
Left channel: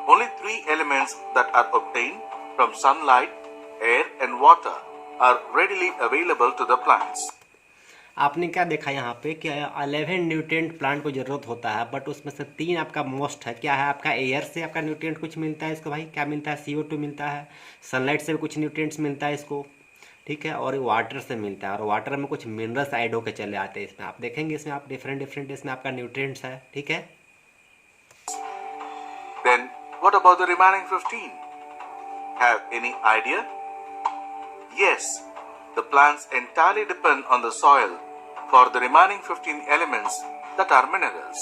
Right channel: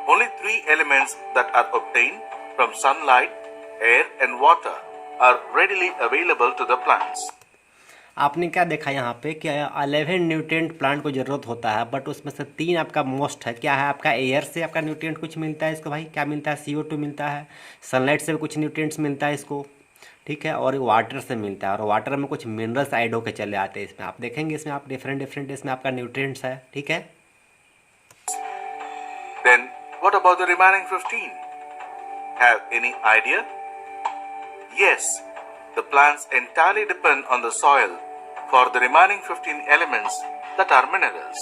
only 3 elements that are obtained from sunlight, air and water are readily available to the plants. आपने क्या देखा यहाँ पे कि 11 nutrient plant को ज़रूरत होता है, बट उसमें से 3 आपका मोस्ट है। क्या है आपका, एयर से आपका न्यूट्रिएंट कुछ मिलता है इसको, भाई क्या मिलता है, CO2 मिलता है। सनलाइट से भी कुछ न्यूट्रिएंट्स मिलता है इसको, ठीक है। और वाटर से मिलता है, और वाटर में कुछ मिनरल्स ऐड होकर चले आते हैं इसमें। आप देखेंगे इसमें आप डिफरेंट इसमें आपका न्यूट्रिएंट्स है, ठीक है। Then what about the remaining 15? Have any idea? Yes, the plants entirely depend on the soil for the remaining 15 elements that are minerals.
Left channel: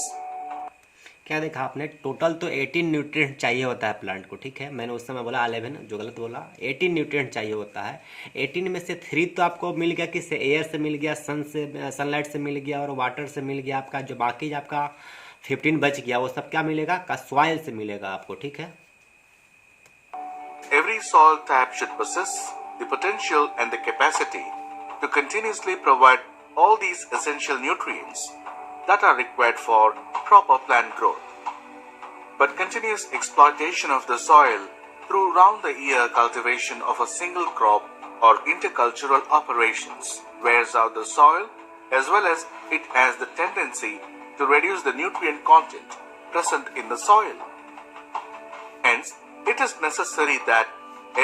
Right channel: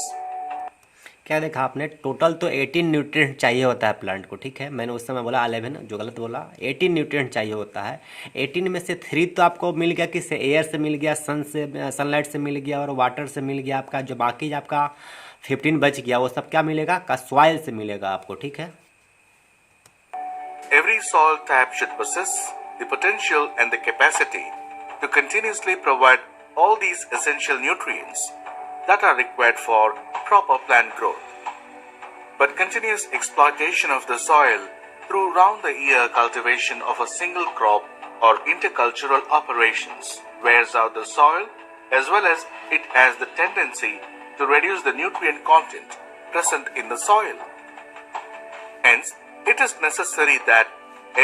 क्या देखा आपने, टोटल तो 18 न्यूट्रिएंट चाहिए होता है प्लांट को, ठीक है। मैंने उस समय बोला 11, जो गलत बोला। 18 न्यूट्रिएंट चाहिए होता है। 18 में से 3 तो आपको मिल गया, किससे, एयर से मिल गया, सनलाइट से मिल गया और वाटर से मिल गया। आपका जो बाकी आपका 15 बच गया, वो सब क्या मिलेगा, का सॉइल से मिलेगा आपको, ठीक है। Every soil type should possess the potential and the capacity to continuously provide all these essential nutrients that are required for proper plant growth. But continuous exploitation of the soil through round-the-year cultivation of a single crop or intercultural operations wears out the soil, as well as it has the tendency to reduce the nutrient content present in the soil. Hence, it is necessary that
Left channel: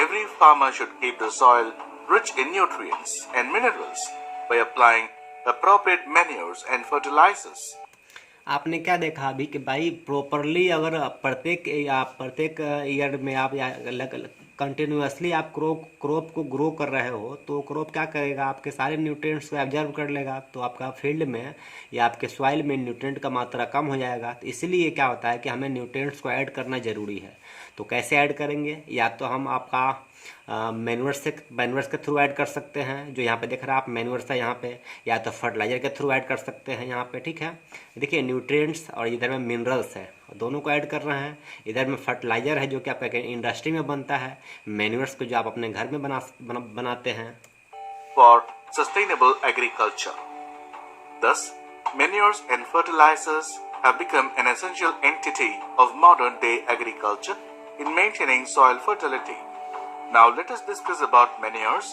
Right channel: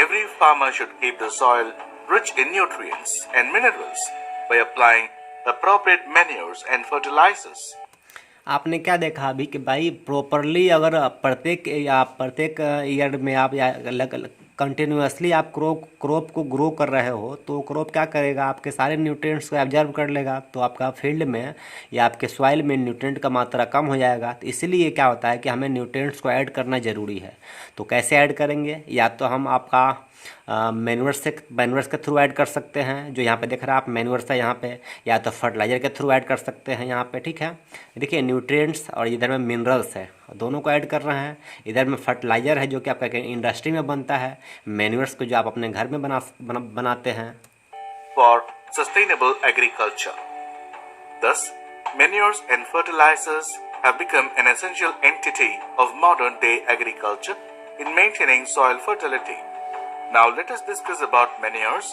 every farmer should keep the soil rich in nutrients and minerals by applying appropriate manures and fertilizers. आपने क्या देखा अभी कि भाई properly अगर प्रत्येक year में आप या कंटिन्यूसली आप क्रॉप को ग्रो कर रहे हो, तो क्रॉप क्या करेगा, आपके सारे न्यूट्रिएंट्स को एब्जॉर्ब कर लेगा। तो आपका फील्ड में या आपके सॉइल में न्यूट्रिएंट का मात्रा कम हो जाएगा। तो इसीलिए क्या होता है कि हमें न्यूट्रिएंट्स को ऐड करना ज़रूरी है। तो कैसे ऐड करेंगे, या तो हम आपका मैन्योर्स के थ्रू ऐड कर सकते हैं, जो यहाँ पे देख रहा है आप मैन्योर्स है यहाँ पे, या तो फर्टिलाइजर के थ्रू ऐड कर सकते हैं यहाँ पे, ठीक है। देखिए न्यूट्रिएंट्स और इधर में मिनरल्स है, दोनों को ऐड कर रहे हैं। इधर में फर्टिलाइजर है जो कि आपका इंडस्ट्री में बनता है, मैन्योर्स को जो आप अपने घर में बनाते हैं। For sustainable agriculture. Thus, manures and fertilizers have become an essential entity of modern day agriculture in maintaining soil fertility. Now let us discuss about manures,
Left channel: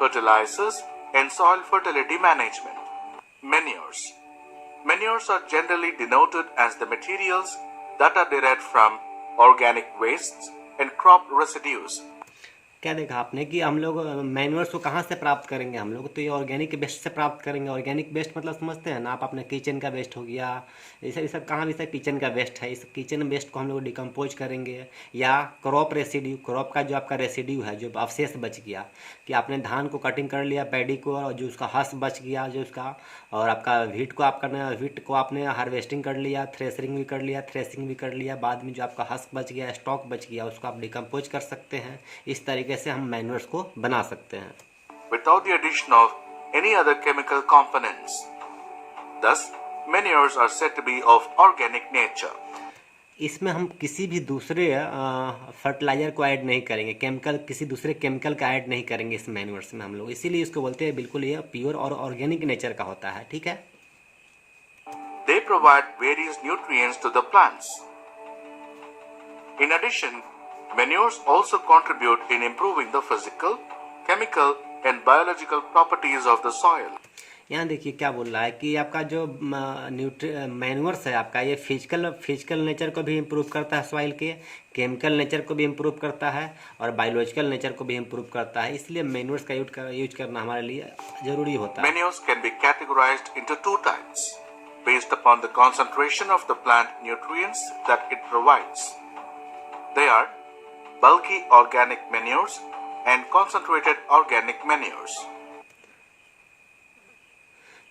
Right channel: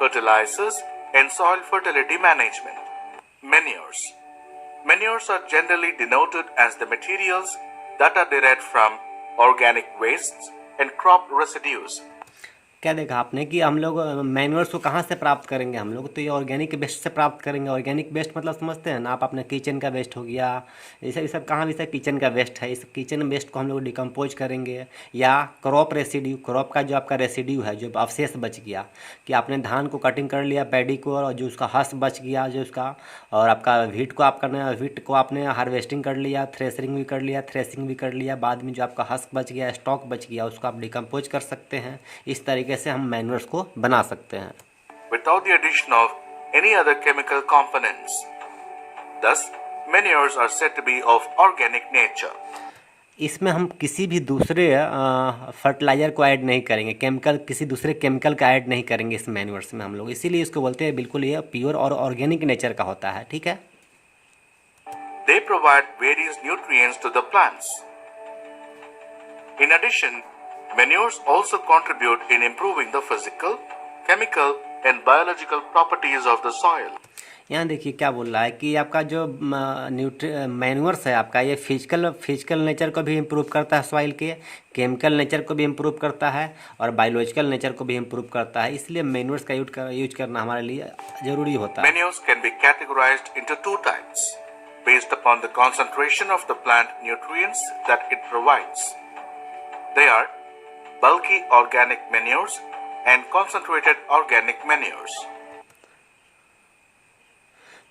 fertilizers and soil fertility management. Manures. Manures are generally denoted as the materials that are derived from organic wastes and crop residues. क्या देखा आपने कि हम लोग manures को कहाँ से प्राप्त करेंगे, हम लोग तो ये ऑर्गेनिक वेस्ट से प्राप्त करेंगे। ऑर्गेनिक वेस्ट मतलब समझते हैं ना आप, अपने किचन का वेस्ट हो गया, ये सब कहाँ भी सब किचन का वेस्ट है। इस किचन वेस्ट को हम लोग डिकम्पोज करेंगे, या क्रॉप रेसिड्यू, क्रॉप का जो आपका रेसिड्यू है, जो अवशेष बच गया, कि आपने धान को कटिंग कर लिया, पैडी को, और जो उसका हस बच गया जो उसका, और आपका व्हीट को आपने हार्वेस्टिंग कर लिया, थ्रेसिंग भी कर लिया, बाद में जो आपका हस्क बच गया, स्टॉक बच गया, उसको आप डिकम्पोज कर सकते हैं। इस तरीके से हम मैन्योर्स को बना सकते हैं without the addition of any other chemical components. Thus, manures are said to be of organic nature. इसमें हम किसी भी दूसरे फर्टिलाइज़र को ऐड नहीं करेंगे, केमिकल किसी दूसरे केमिकल का ऐड नहीं करेंगे इस मैन्योर्स में हम लोग, इसीलिए इसको बोलते हैं बिल्कुल ये प्योर और ऑर्गेनिक नेचर का होता है, ठीक है। They provide various nutrients to the plants. In addition, manures also contribute in improving the physical, chemical, and biological properties of the soil. यहाँ देखिए क्या बोल रहा है कि आपका जो मैन्योर्स है आपका, ये फिजिकल नेचर को भी इम्प्रूव करता है सॉइल के, केमिकल नेचर को भी इम्प्रूव करता है और बायोलॉजिकल नेचर को भी इम्प्रूव करता है, इसलिए मैन्योर्स का यूज करना हमारे लिए ज़रूरी होता है। Manures can be categorized into two types based upon the concentration of the plant nutrients that it provides. They are bulky organic manures and concentrated organic manures.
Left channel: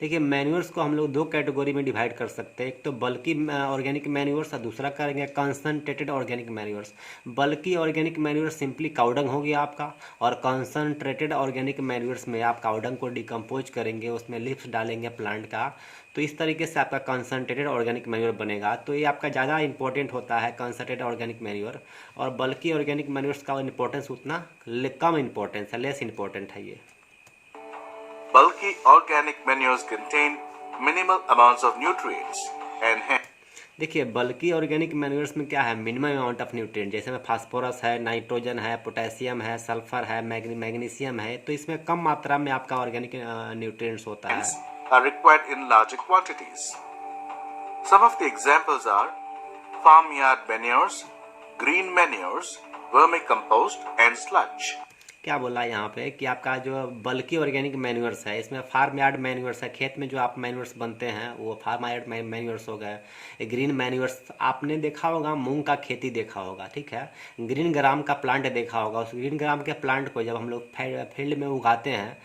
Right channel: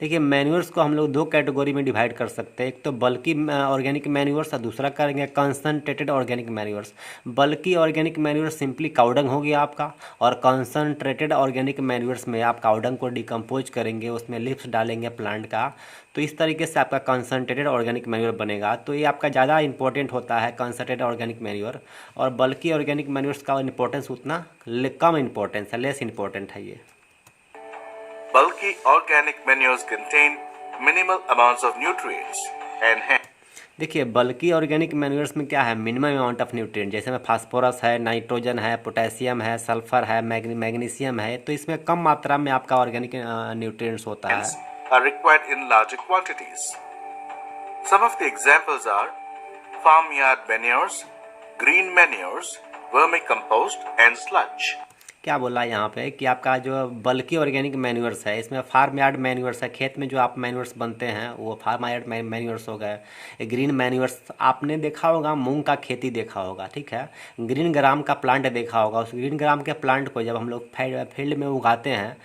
देखिए मैन्योर्स को हम लोग दो कैटेगरी में डिवाइड कर सकते हैं, एक तो बल्कि ऑर्गेनिक मैन्योर्स और दूसरा करेंगे कंसनट्रेटेड ऑर्गेनिक मैन्योर्स। बल्कि ऑर्गेनिक मैन्योर्स सिंपली काउडंग हो गया आपका, और कंसनट्रेटेड ऑर्गेनिक मैन्योर्स में आप काउडंग को डिकम्पोज करेंगे, उसमें लिप्स डालेंगे प्लांट का, तो इस तरीके से आपका कंसनट्रेटेड ऑर्गेनिक मैन्योर बनेगा। तो ये आपका ज़्यादा इंपॉर्टेंट होता है कंसनट्रेटेड ऑर्गेनिक मैन्योर, और बल्कि ऑर्गेनिक मैन्योर्स का इंपॉर्टेंस उतना कम इंपॉर्टेंस है, लेस इंपॉर्टेंट है ये। Bulky organic manures contain minimal amounts of nutrients and hence देखिए बल्कि ऑर्गेनिक मैन्योर्स में क्या है, मिनिमम अमाउंट ऑफ न्यूट्रिएंट, जैसे में फास्फोरस है, नाइट्रोजन है, पोटेशियम है, सल्फर है, मैग्नीशियम है, तो इसमें कम मात्रा में आपका ऑर्गेनिक न्यूट्रिएंट्स होता है। are required in larger quantities. Some of the examples are farmyard manures, green manures, vermicompost and sludge. क्या बोला है यहाँ पे कि आपका जो बल्कि ऑर्गेनिक मैन्योर्स है, इसमें फार्म यार्ड मैन्योर्स है, खेत में जो आप मैन्योर्स बनते हैं वो फार्म यार्ड मैन्योर्स हो गए। ग्रीन मैन्योर्स आपने देखा होगा, मूंग का खेती देखा होगा, ठीक है, ग्रीन ग्राम का प्लांट देखा होगा। उस ग्रीन ग्राम के प्लांट को जब हम लोग फील्ड में उगाते हैं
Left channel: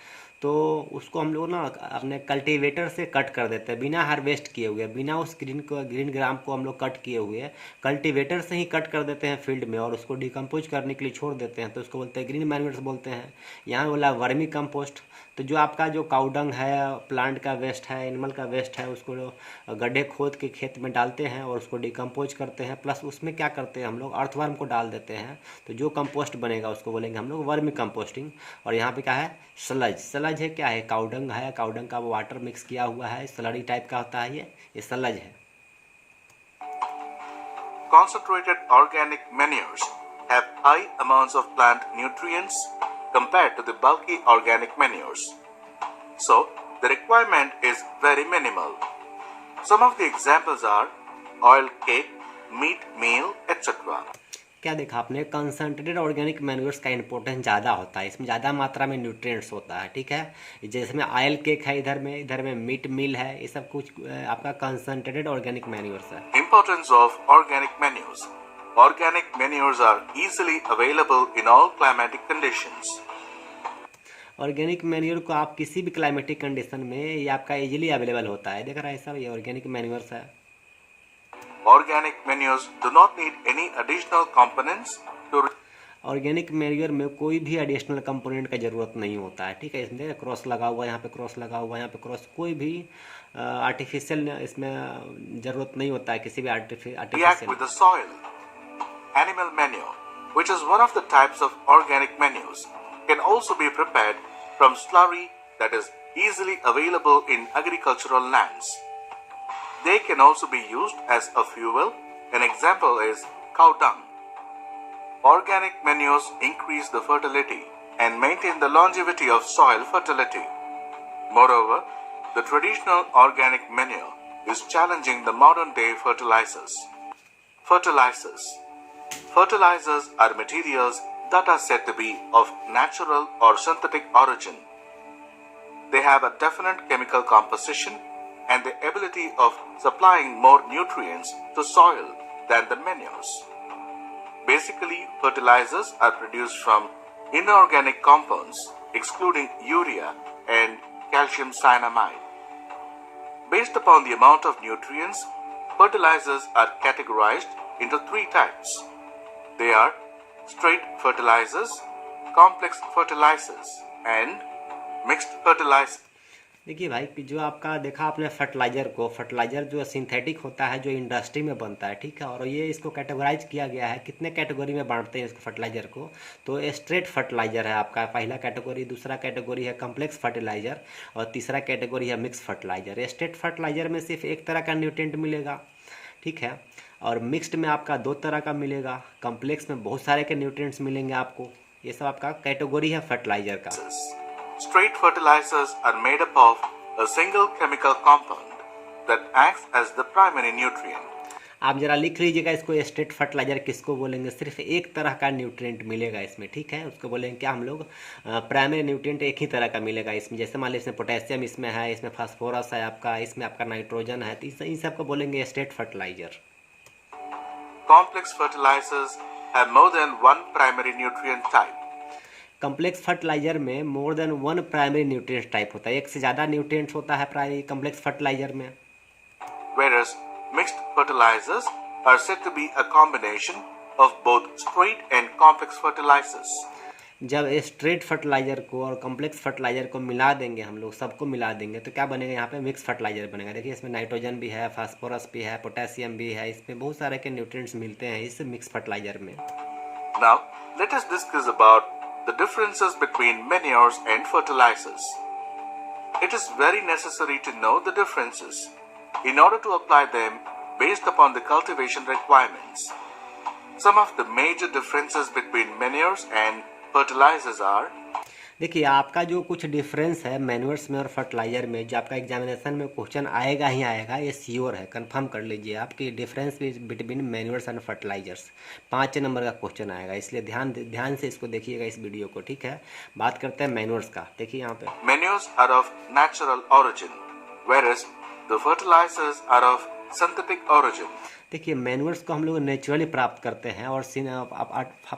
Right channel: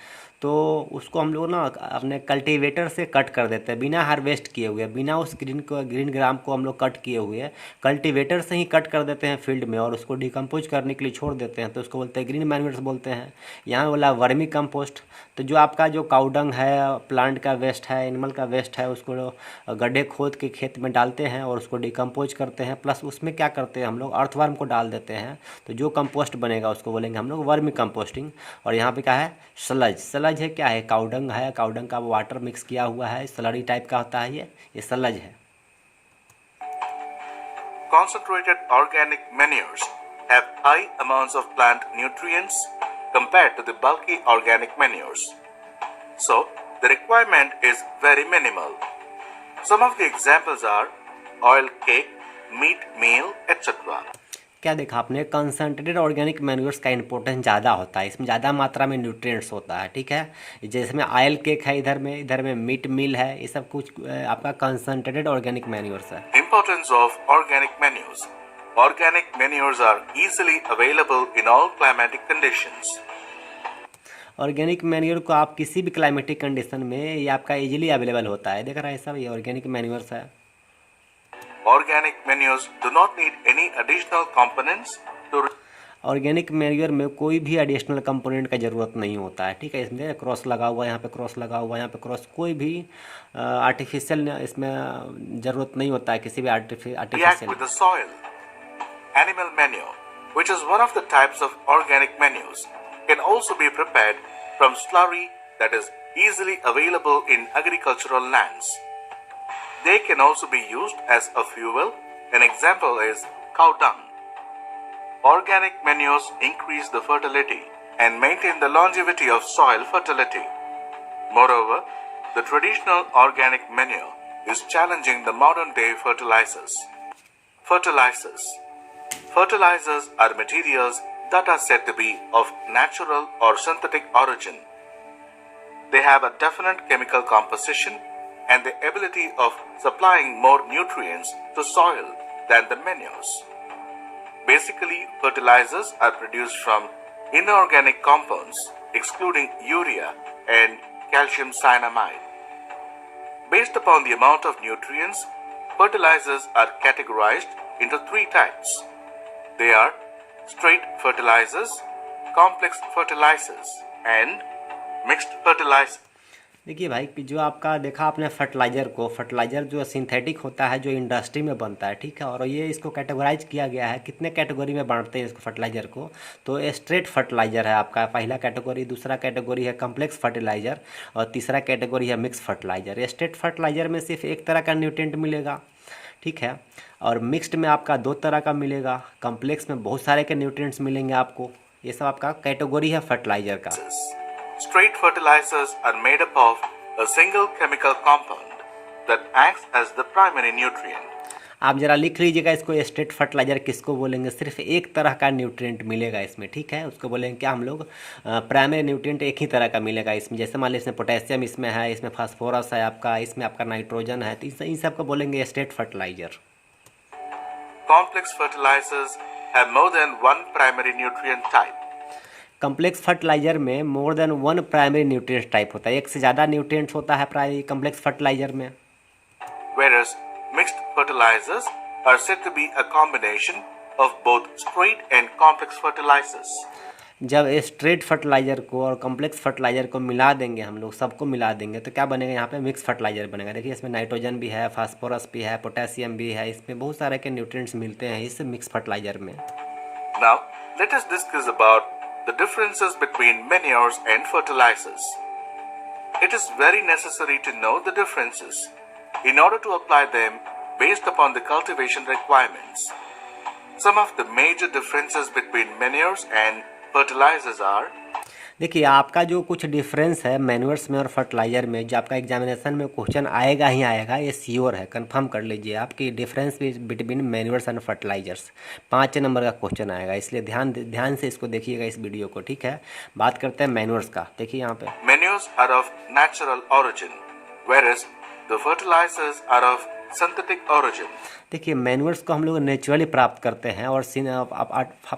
तो उसको हम लोग ना अपने कल्टीवेटर से कट कर देते हैं, बिना हार्वेस्ट किए हुए, बिना उस ग्रीन ग्राम को हम लोग कट किए हुए कल्टीवेटर से ही कट कर देते हैं फील्ड में, और उसको डिकम्पोज करने के लिए छोड़ देते हैं, तो उसको बोलते हैं ग्रीन मैन्योर्स बोलते हैं। यहाँ बोला वर्मी कंपोस्ट, तो जो आपका जो काउडंग है, प्लांट का वेस्ट है, एनिमल का वेस्ट है, उसको गड्ढे खोद के खेत में डालते हैं और उसको डिकम्पोज करते हैं, प्लस उसमें क्या करते हैं हम लोग अर्थवर्म को डाल देते हैं, तो जो कंपोस्ट बनेगा उसको बोलेंगे हम लोग वर्मी कंपोस्टिंग। और यहाँ पे क्या है, सलज है, क्या है, काउडंग है, काउडंग का वाटर मिक्स किया हुआ है, स्लरी टाइप का होता है, ये सलज है। Concentrated organic manures have high amounts of plant nutrients compared to the bulky organic manures. So, the requirement is very minimal. Some of the examples are oil cake, meat meal, etc. क्या देखा आपने, concentrated organic manures का importance ज़्यादा होता है, इसमें ज़्यादा मात्रा में न्यूट्रिएंट्स होता है, ठीक है। जैसे में ऑयल केक है, इधर में मीट मील है, ये सब कुछ आपका कंसनट्रेटेड ऑर्गेनिक मैन्योर्स है। Importance of organic manures. Organic manures are easily available in all climatic conditions. Organic manure को आप किसी भी क्लाइमेटिक कंडीशन में ये आपका इजीली अवेलेबल होता है, देख रहा है सब, ये ऑर्गेनिक मैन्योर्स है। Organic manures do not need any additional components to organic manure में कोई भी एडिशनल कंपोनेंट का ज़रूरत नहीं होता है, ठीक है। इसमें क्रॉस लगा हुआ है, यहाँ पे क्रॉस लगा हुआ है, यहाँ पे क्रॉस, कोई भी आर्टिफिशियल इसमें ज़रूरत नहीं होता है, किसी भी react artificial. with the soil. Animal manure, which is one of the types of organic manures, can also be prepared from slurry that is easily available in agricultural lands. They can also be used as a fuel. An example is cow dung. Organic manures increase the fertility and maintain the longevity of soil fertility. Moreover, the traditional organic manure is challenging the modern day fertilizers. Fertilizers are materials that are said to be of natural or synthetic origin. They have a definite chemical composition and the ability of supplying more nutrients to soil than the manures. Basically, fertilizers are produced from inorganic compounds, excluding urea and calcium cyanamide. Based upon the amount of nutrients, fertilizers are categorized into three types. They are straight fertilizers, complex fertilizers, and mixed fertilizers. देखिए भाई कि जो आपका देखा आपने fertiliser को, fertiliser जो synthetic होता है जो इंडस्ट्री में बनता है, ठीक है, और ये इसको कैटेगराइज किया गया है, कितने कैटेगरी में बांटते हैं इसको फर्टिलाइजर को। तो स्ट्रेट फर्टिलाइजर है आपका पहला कैटेगरी, दूसरा कैटेगरी है कम्प्लेक्स फर्टिलाइजर, और तीसरा कैटेगरी है मिक्स फर्टिलाइजर। स्ट्रेट फर्टिलाइजर में सिर्फ एक तरह का न्यूट्रिएंट मिलेगा, ठीक है, और मिक्स्ड में आपका दो तरह का मिलेगा, कम्प्लेक्स में बहुत सारे के न्यूट्रिएंट्स मिलेंगे आपको। ये सब आपका कैटेगरी है फर्टिलाइजर का। Straight fertilizers are made up of a single chemical compound that acts as the primary nutrient. आप जरा लिख लीजिएगा इसको, स्ट्रेट फर्टिलाइजर किसको बोलेंगे, सिर्फ एक तरह का न्यूट्रिएंट मिलेगा इसमें, ठीक है, उसको बोलेंगे क्या हम लोग, प्राइमरी न्यूट्रिएंट एक ही तरह का मिलेगा इसमें। जैसे मान लीजिए इसमें पोटेशियम इसमें है, इसमें फास्फोरस है आपका, इसमें आपका नाइट्रोजन है, तो इन सब को बोलेंगे straight fertilizer. Complex fertilizers have more than one primary nutrient type. Complex fertilizer में more than one primary nutrient type होता है, एक से ज़्यादा न्यूट्रिएंट्स होता है प्राइमरी कम्प्लेक्स फर्टिलाइजर में। Whereas mixed fertilizers are said to be a combination of both straight and complex fertilizers. जब स्ट्रेट फर्टिलाइजर को और कम्प्लेक्स फर्टिलाइजर को मिला देंगे हम लोग, सबको मिला देंगे, तो क्या बनेगा यहाँ पे मिक्स फर्टिलाइजर बनेगा। देखिए इसमें नाइट्रोजन भी है, फास्फोरस भी है, पोटेशियम भी है, इसमें बहुत सारे के न्यूट्रिएंट्स मिलते हैं इस मिक्स फर्टिलाइजर में। Now, let us discuss about the differences between manures and fertilizers. It is very necessary to know the differences in order to apply them based upon the cultivation requirements. Some of the major differences between manures and fertilizers are: देखिए आपका जो कुछ difference है manures में और fertiliser में, जो आपका एग्जामिनेशन में क्वेश्चन आएगा ही आएगा, ये श्योर है, कंफर्म कर लीजिए आपकी difference between manures and fertilisers 5 number का क्वेश्चन आएगा, इसलिए ध्यान से इसको देखिएगा इस वीडियो को, ठीक है। बात करते हैं मैन्योर्स का। देखिए यहाँ पे manures are of natural origin, whereas the fertilizers are of synthetic origin. देखिए मैन्योर्स को हम लोग नेचुरली प्राप्त करते हैं, और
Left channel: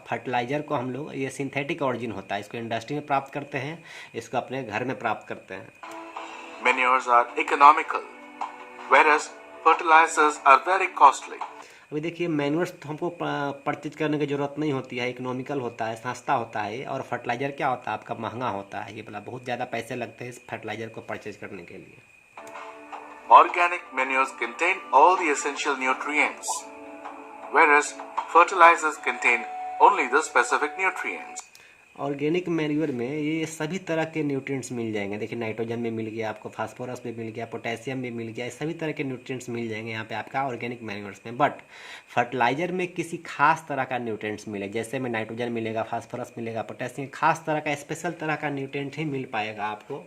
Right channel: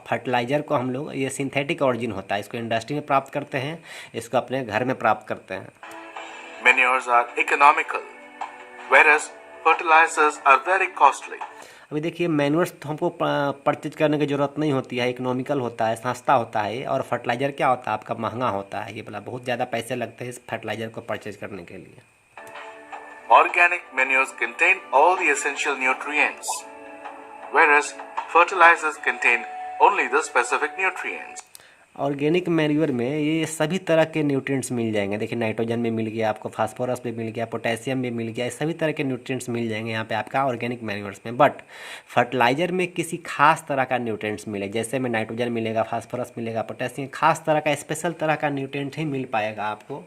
फर्टिलाइजर को हम लोग, ये सिंथेटिक ऑरिजिन होता है, इसको इंडस्ट्री में प्राप्त करते हैं, इसको अपने घर में प्राप्त करते हैं। Manures are economical, whereas fertilizers are very costly. अभी देखिए मैन्योर्स तो हमको परचेज करने की ज़रूरत नहीं होती है, इकोनॉमिकल होता है, सस्ता होता है, और फर्टिलाइज़र क्या होता है आपका महंगा होता है, ये बोला बहुत ज़्यादा पैसे लगते हैं इस फर्टिलाइज़र को परचेज करने के लिए। Organic manures contain all the essential nutrients, whereas fertilizers contain only the specific nutrients. Organic manure में ये सभी तरह के न्यूट्रिएंट्स मिल जाएंगे। देखिए नाइट्रोजन भी मिल गया आपको, फास्फोरस भी मिल गया, पोटेशियम भी मिल गया, सभी तरह के न्यूट्रिएंट्स मिल जाएंगे यहाँ पे आपका ऑर्गेनिक मैन्योर्स में। बट फर्टिलाइजर में किसी खास तरह का न्यूट्रिएंट्स मिले, जैसे में नाइट्रोजन मिलेगा, फास्फोरस मिलेगा, पोटेशियम, खास तरह का स्पेशल तरह का न्यूट्रिएंट ही मिल पाएगा आपको।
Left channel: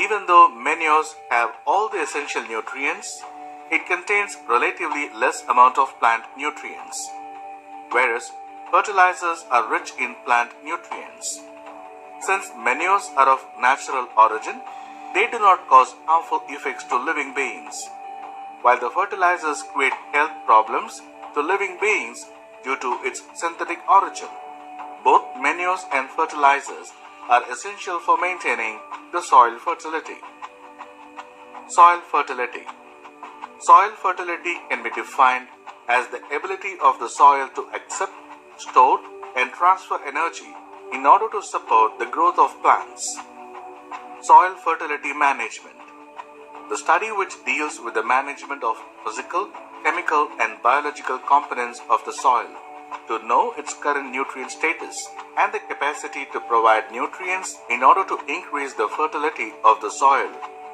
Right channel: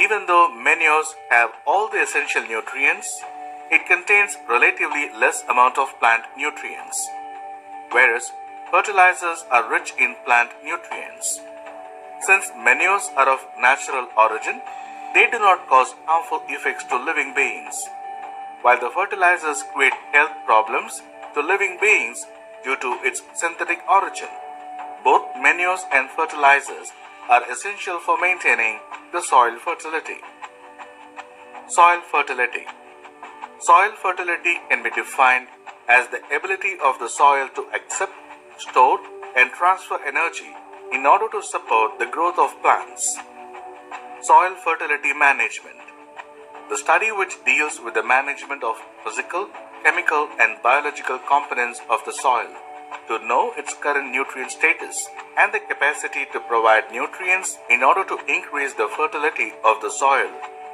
Even though manures have all the essential nutrients, it contains relatively less amount of plant nutrients, whereas fertilizers are rich in plant nutrients. Since manures are of natural origin, they do not cause harmful effects to living beings, while the fertilizers create health problems to living beings due to its synthetic origin. Both manures and fertilizers are essential for maintaining the soil fertility. Soil fertility. Soil fertility can be defined as the ability of the soil to accept, store, and transfer energy in order to support the growth of plants. Soil fertility management. The study which deals with the management of physical, chemical, and biological components of the soil to know its current nutrient status and the capacity to provide nutrients in order to increase the fertility of the soil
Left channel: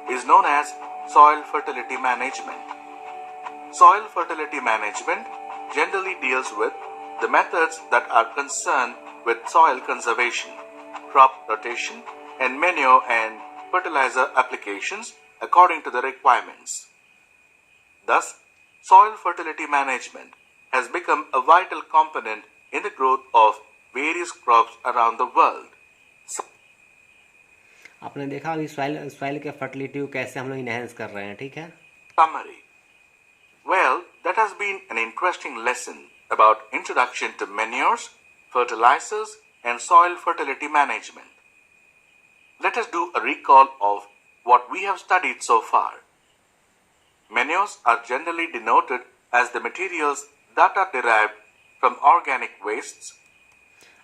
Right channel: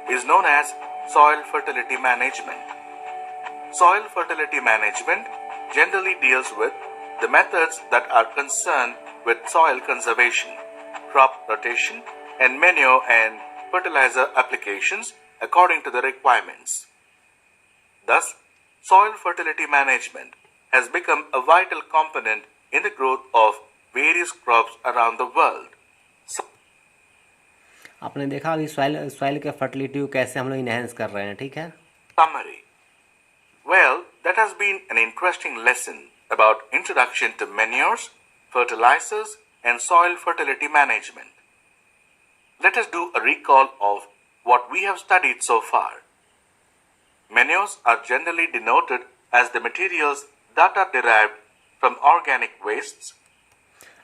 is known as soil fertility management. Soil fertility management generally deals with the methods that are concerned with soil conservation, crop rotation, and manure and fertilizer applications according to the requirements. Thus, soil fertility management has become a vital component in the growth of various crops around the world. आपने देखा अभी soil के fertility को कैसे हम लोग enhance कर रहे हैं, ठीक है। Summary. Well, that has been an interesting lesson about introduction to manures, fertilizers, and soil fertility management. Let us do a recall of what we have studied so far. Manures are generally denoted as the materials that are derived from organic wastes.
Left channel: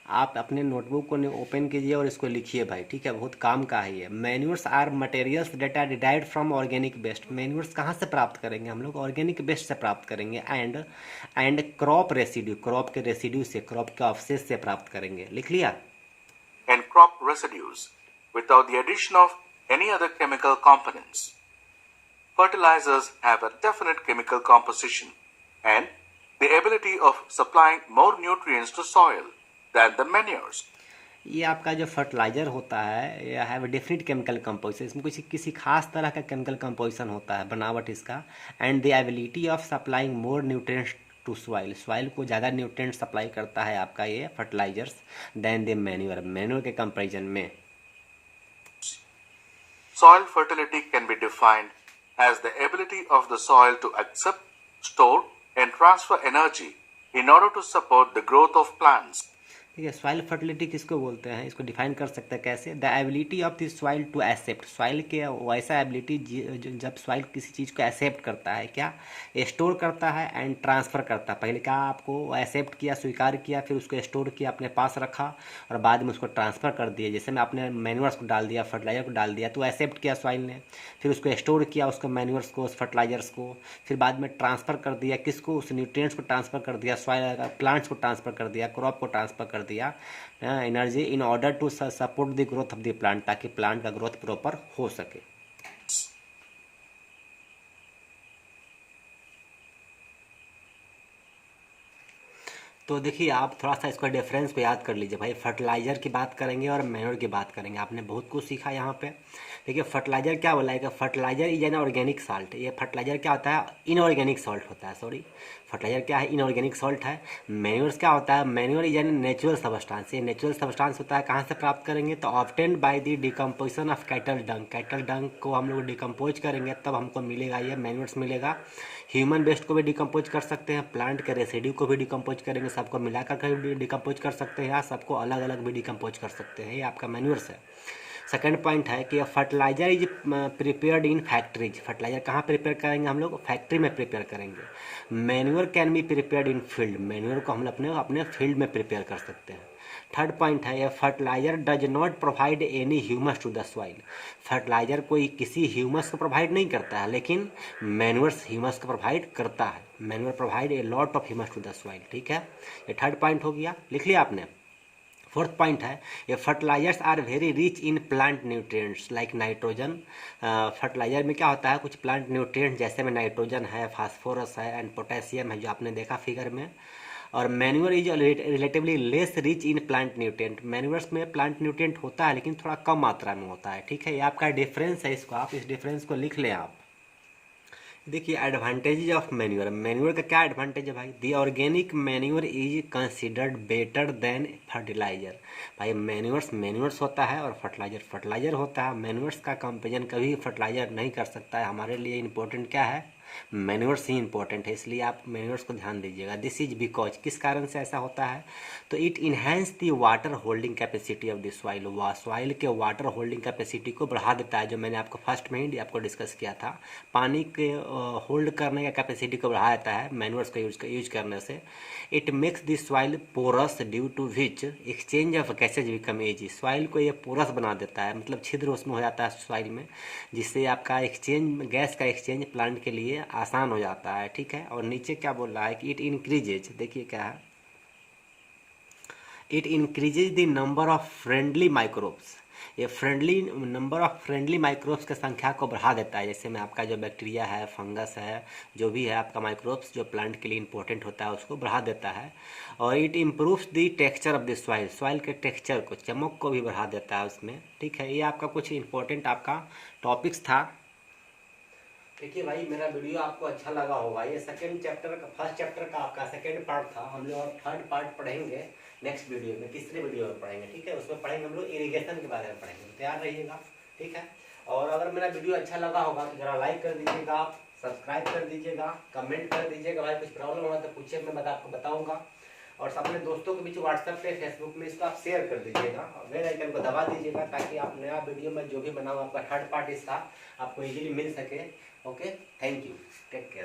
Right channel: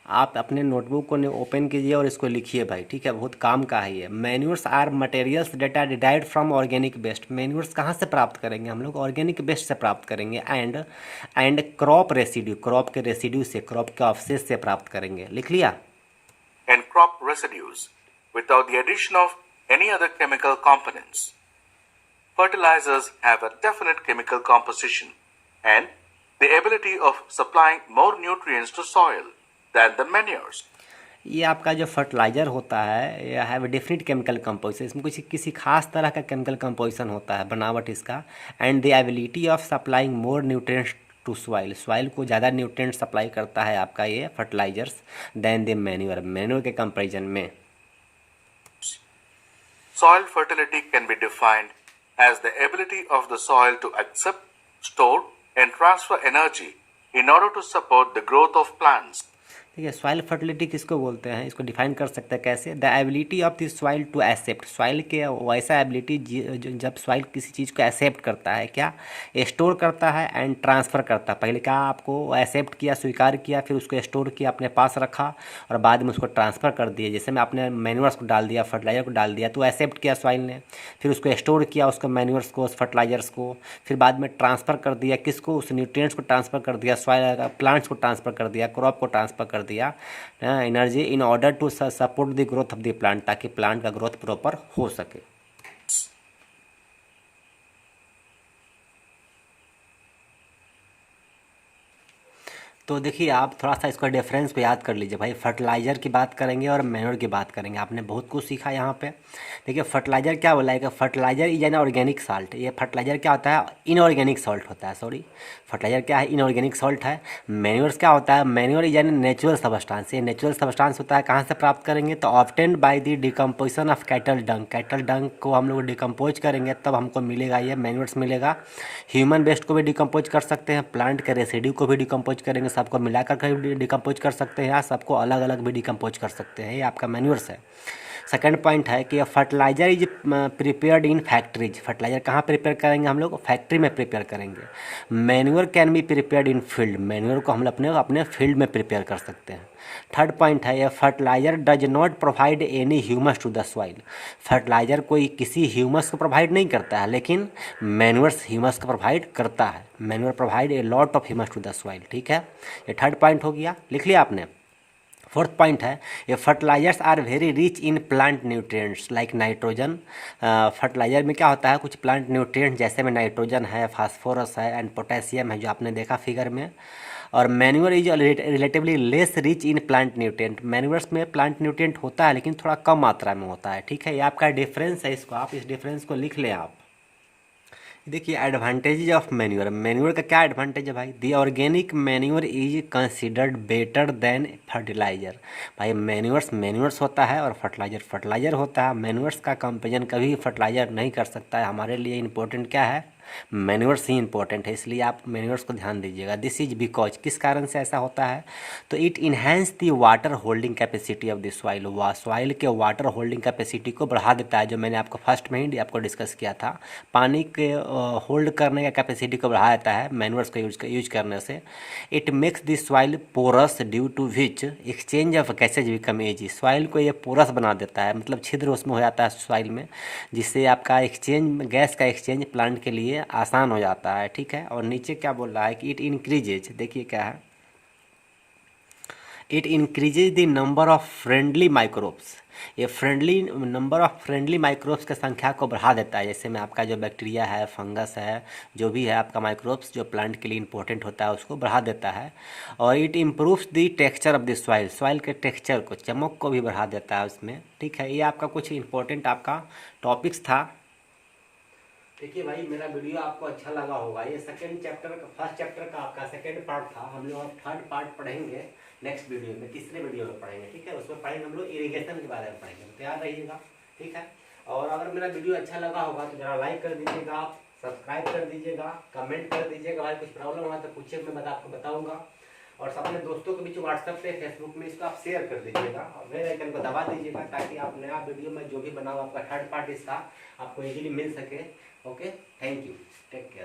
आप अपने notebook को open कीजिए और इसको लिखिए भाई, ठीक है, बहुत काम का है ये। Manures are materials that are derived from organic waste. Manures कहाँ से प्राप्त करेंगे हम लोग? ऑर्गेनिक वेस्ट से प्राप्त करेंगे। एंड क्रॉप रेसिड्यू, क्रॉप के रेसिड्यू से, क्रॉप के अवशेष से प्राप्त करेंगे। लिख लिया? And crop residues without the addition of any other chemical components. Fertilizers have a definite chemical composition and the ability of supplying more nutrients to soil than the manures. ये आपका जो फर्टिलाइजर होता है ये हैव डेफिनेट केमिकल कंपोजिशन, इसमें कुछ किसी खास तरह का केमिकल कंपोजिशन होता है, बनावट इसका। And the ability of supplying more nutrients to soil, soil को ज़्यादा न्यूट्रिएंट सप्लाई करता है आपका ये fertilisers then the manure, manure के कंपैरिजन में। Soil fertility can be defined as the ability of the soil to accept, store and transfer energy in order to support the growth of plants. ठीक है, soil fertility किसको बोलते हैं? इसको define कर सकते हैं कैसे? The ability of the soil to accept, soil के वैसा एबिलिटी जब सॉइल किसी चीज़ को एक्सेप्ट करता है, क्या स्टोर करता है एंड ट्रांसफ़र करता है। पहले क्या आपको एक्सेप्ट किया, स्वीकार किया, फिर उसको स्टोर किया, अपने पास रखा और बाद में उसको ट्रांसफ़र कर दिया। जैसे में आपने मैन्यूर्स को डाल दिया, फर्टिलाइजर को डाल दिया, तो एक्सेप्ट किया सॉइल ने, फिर उसको स्टोर किया, उसको मैन्यूर्स को, उस फर्टिलाइजर्स को, फिर बाद में ट्रांसफ़र कर दिया किसको? उस न्यूट्रिएंट्स को ट्रांसफ़र कर दिया, सॉइल प्लांट्स को ट्रांसफ़र कर दिया, क्रॉप को ट्रांसफ़र कर दिया energy in order to support the growth of the plant, ताकि प्लांट का ग्रोथ प्रॉपर हो सके। तो देखिए आप थोड़ा सा इसका डिफरेंस को याद कर लीजिए भाई। फर्टिलाइजर की बात करेंगे और मैन्योर की बात करेंगे। आपने बहुत कुछ सीखा यहाँ पे। देखिए फर्टिलाइजर क्या बोला है कि fertiliser is an organic salt. ये फर्टिलाइजर क्या होता है? इनऑर्गेनिक सॉल्ट होता है, सॉरी, फर्टिलाइजर क्या है? इनऑर्गेनिक सॉल्ट है। मैन्योर्स क्या होता है? Manure is an natural substance. ये नेचुरल सब्सटेंस होता है, कहाँ से प्राप्त करेंगे? तो obtained by the decomposition of cattle Dang. Cattle डंग को हम लोग डिकम्पोज करेंगे तब हमको मिलेगा ये मैन्योर्स मिलेगा। ह्यूमन वेस्ट को भी डिकम्पोज कर सकते हैं, प्लांट के रेसिड्यू को भी डिकम्पोज करेंगे, सबको मिलाकर के डिकम्पोज कर सकते हैं या सबको अलग अलग भी डिकम्पोज कर सकते हैं। ये आपका मैन्योर्स है। सेकंड पॉइंट है कि fertiliser is prepared in factories. Fertiliser कहाँ प्रिपेयर करेंगे हम लोग? फैक्ट्री में प्रिपेयर करेंगे। Manure can be prepared in field. Manure को हम अपने फील्ड में प्रिपेयर कर सकते हैं। थर्ड पॉइंट है, ये fertiliser does not provide any humus to the soil. Fertiliser कोई किसी ह्यूमस को प्रोवाइड नहीं करता है, लेकिन मैन्योर्स ह्यूमस को प्रोवाइड करता है। Manure provide a lot of humus to the soil. ठीक है, ये थर्ड पॉइंट हो गया, लिख लिया आपने। फोर्थ पॉइंट है, ये fertilisers are very rich in plant nutrients like nitrogen. Fertiliser में क्या होता है? कुछ प्लांट न्यूट्रिएंट्स जैसे में नाइट्रोजन है, फास्फोरस है एंड पोटेशियम है, जो आपने देखा फिगर में। और manure is relatively less rich in plant nutrient. Manures में प्लांट न्यूट्रिएंट होता है लेकिन थोड़ा कम मात्रा में होता है। ठीक है, ये आपका डिफरेंस है, इसको आप इस डिफरेंस को लिख लें आप। देखिए एडवांटेजेज ऑफ मैन्योर। मैन्योर का क्या एडवांटेज है भाई? The organic manure is considered better than fertilizer. भाई मैन्योर्स होता है और फर्टिलाइजर होता है। मैन्योर्स का कंपेरिजन कभी फर्टिलाइजर नहीं कर सकता है। हमारे लिए इंपॉर्टेंट क्या है? मैन्योर्स ही इंपॉर्टेंट है, इसलिए आप मैन्योर्स को ध्यान दीजिएगा। दिस इज बिकॉज, किस कारण से ऐसा होता है? तो it enhance the water holding capacity of the soil. Soil के वाटर होल्डिंग कैपेसिटी को बढ़ा देता है, जो मैंने आपको फर्स्ट में ही आपको डिस्कस किया था। पानी के होल्ड करने का कैपेसिटी को बढ़ा देता है मैन्योर्स को यूज करने से। It makes the soil porous due to which exchange of gases become easy. Soil को ये पोरस बना देता है, मतलब छिद्र उसमें हो जाता है सॉइल में, जिससे आपका एक्सचेंज, गैस का एक्सचेंज प्लांट के लिए आसान हो जाता है। ठीक है, और नीचे क्या बोल रहा है कि इट इंक्रीजेज, देखिए क्या है, it increases the number of friendly microbes. ये नंबर ऑफ फ्रेंडली माइक्रोब्स की संख्या को बढ़ा देता है। जैसे में आपका जो बैक्टीरिया है, फंगस है, जो भी है आपका माइक्रोब्स जो प्लांट के लिए इंपॉर्टेंट होता है, उसको बढ़ा देता है। और it improves the texture of the soil. Soil के टेक्सचर को, चमक को भी बढ़ा देता है उसमें। ठीक है, ये आपका कुछ इंपॉर्टेंट आपका टॉपिक्स था। देखिए भाई मेरा वीडियो आपको अच्छा लगा होगा। ये सेकंड चैप्टर का, फर्स्ट चैप्टर का आपका सेकंड पार्ट था। हम लोग अब थर्ड पार्ट पढ़ेंगे नेक्स्ट वीडियो में, तीसरे वीडियो में पढ़ेंगे। ठीक है, उसमें पढ़ेंगे हम लोग इरिगेशन के बारे में पढ़ेंगे, तो तैयार रहिएगा। ठीक है, और अगर मेरा वीडियो अच्छा लगा होगा तो जरा लाइक कर दीजिएगा, सब्सक्राइब कर दीजिएगा, कमेंट कर दीजिएगा। भाई कुछ प्रॉब्लम हुआ तो पूछिए, मैं आपको बताऊँगा। और अपने दोस्तों के बीच व्हाट्सएप पे, फेसबुक में इसको आप शेयर कर दीजिएगा और बेल आइकन को दबा दीजिएगा, ताकि आप नया वीडियो में जो भी बनाओ आपका थर्ड पार्ट इसका आपको इजीली मिल सके। Okay, thank you, take care.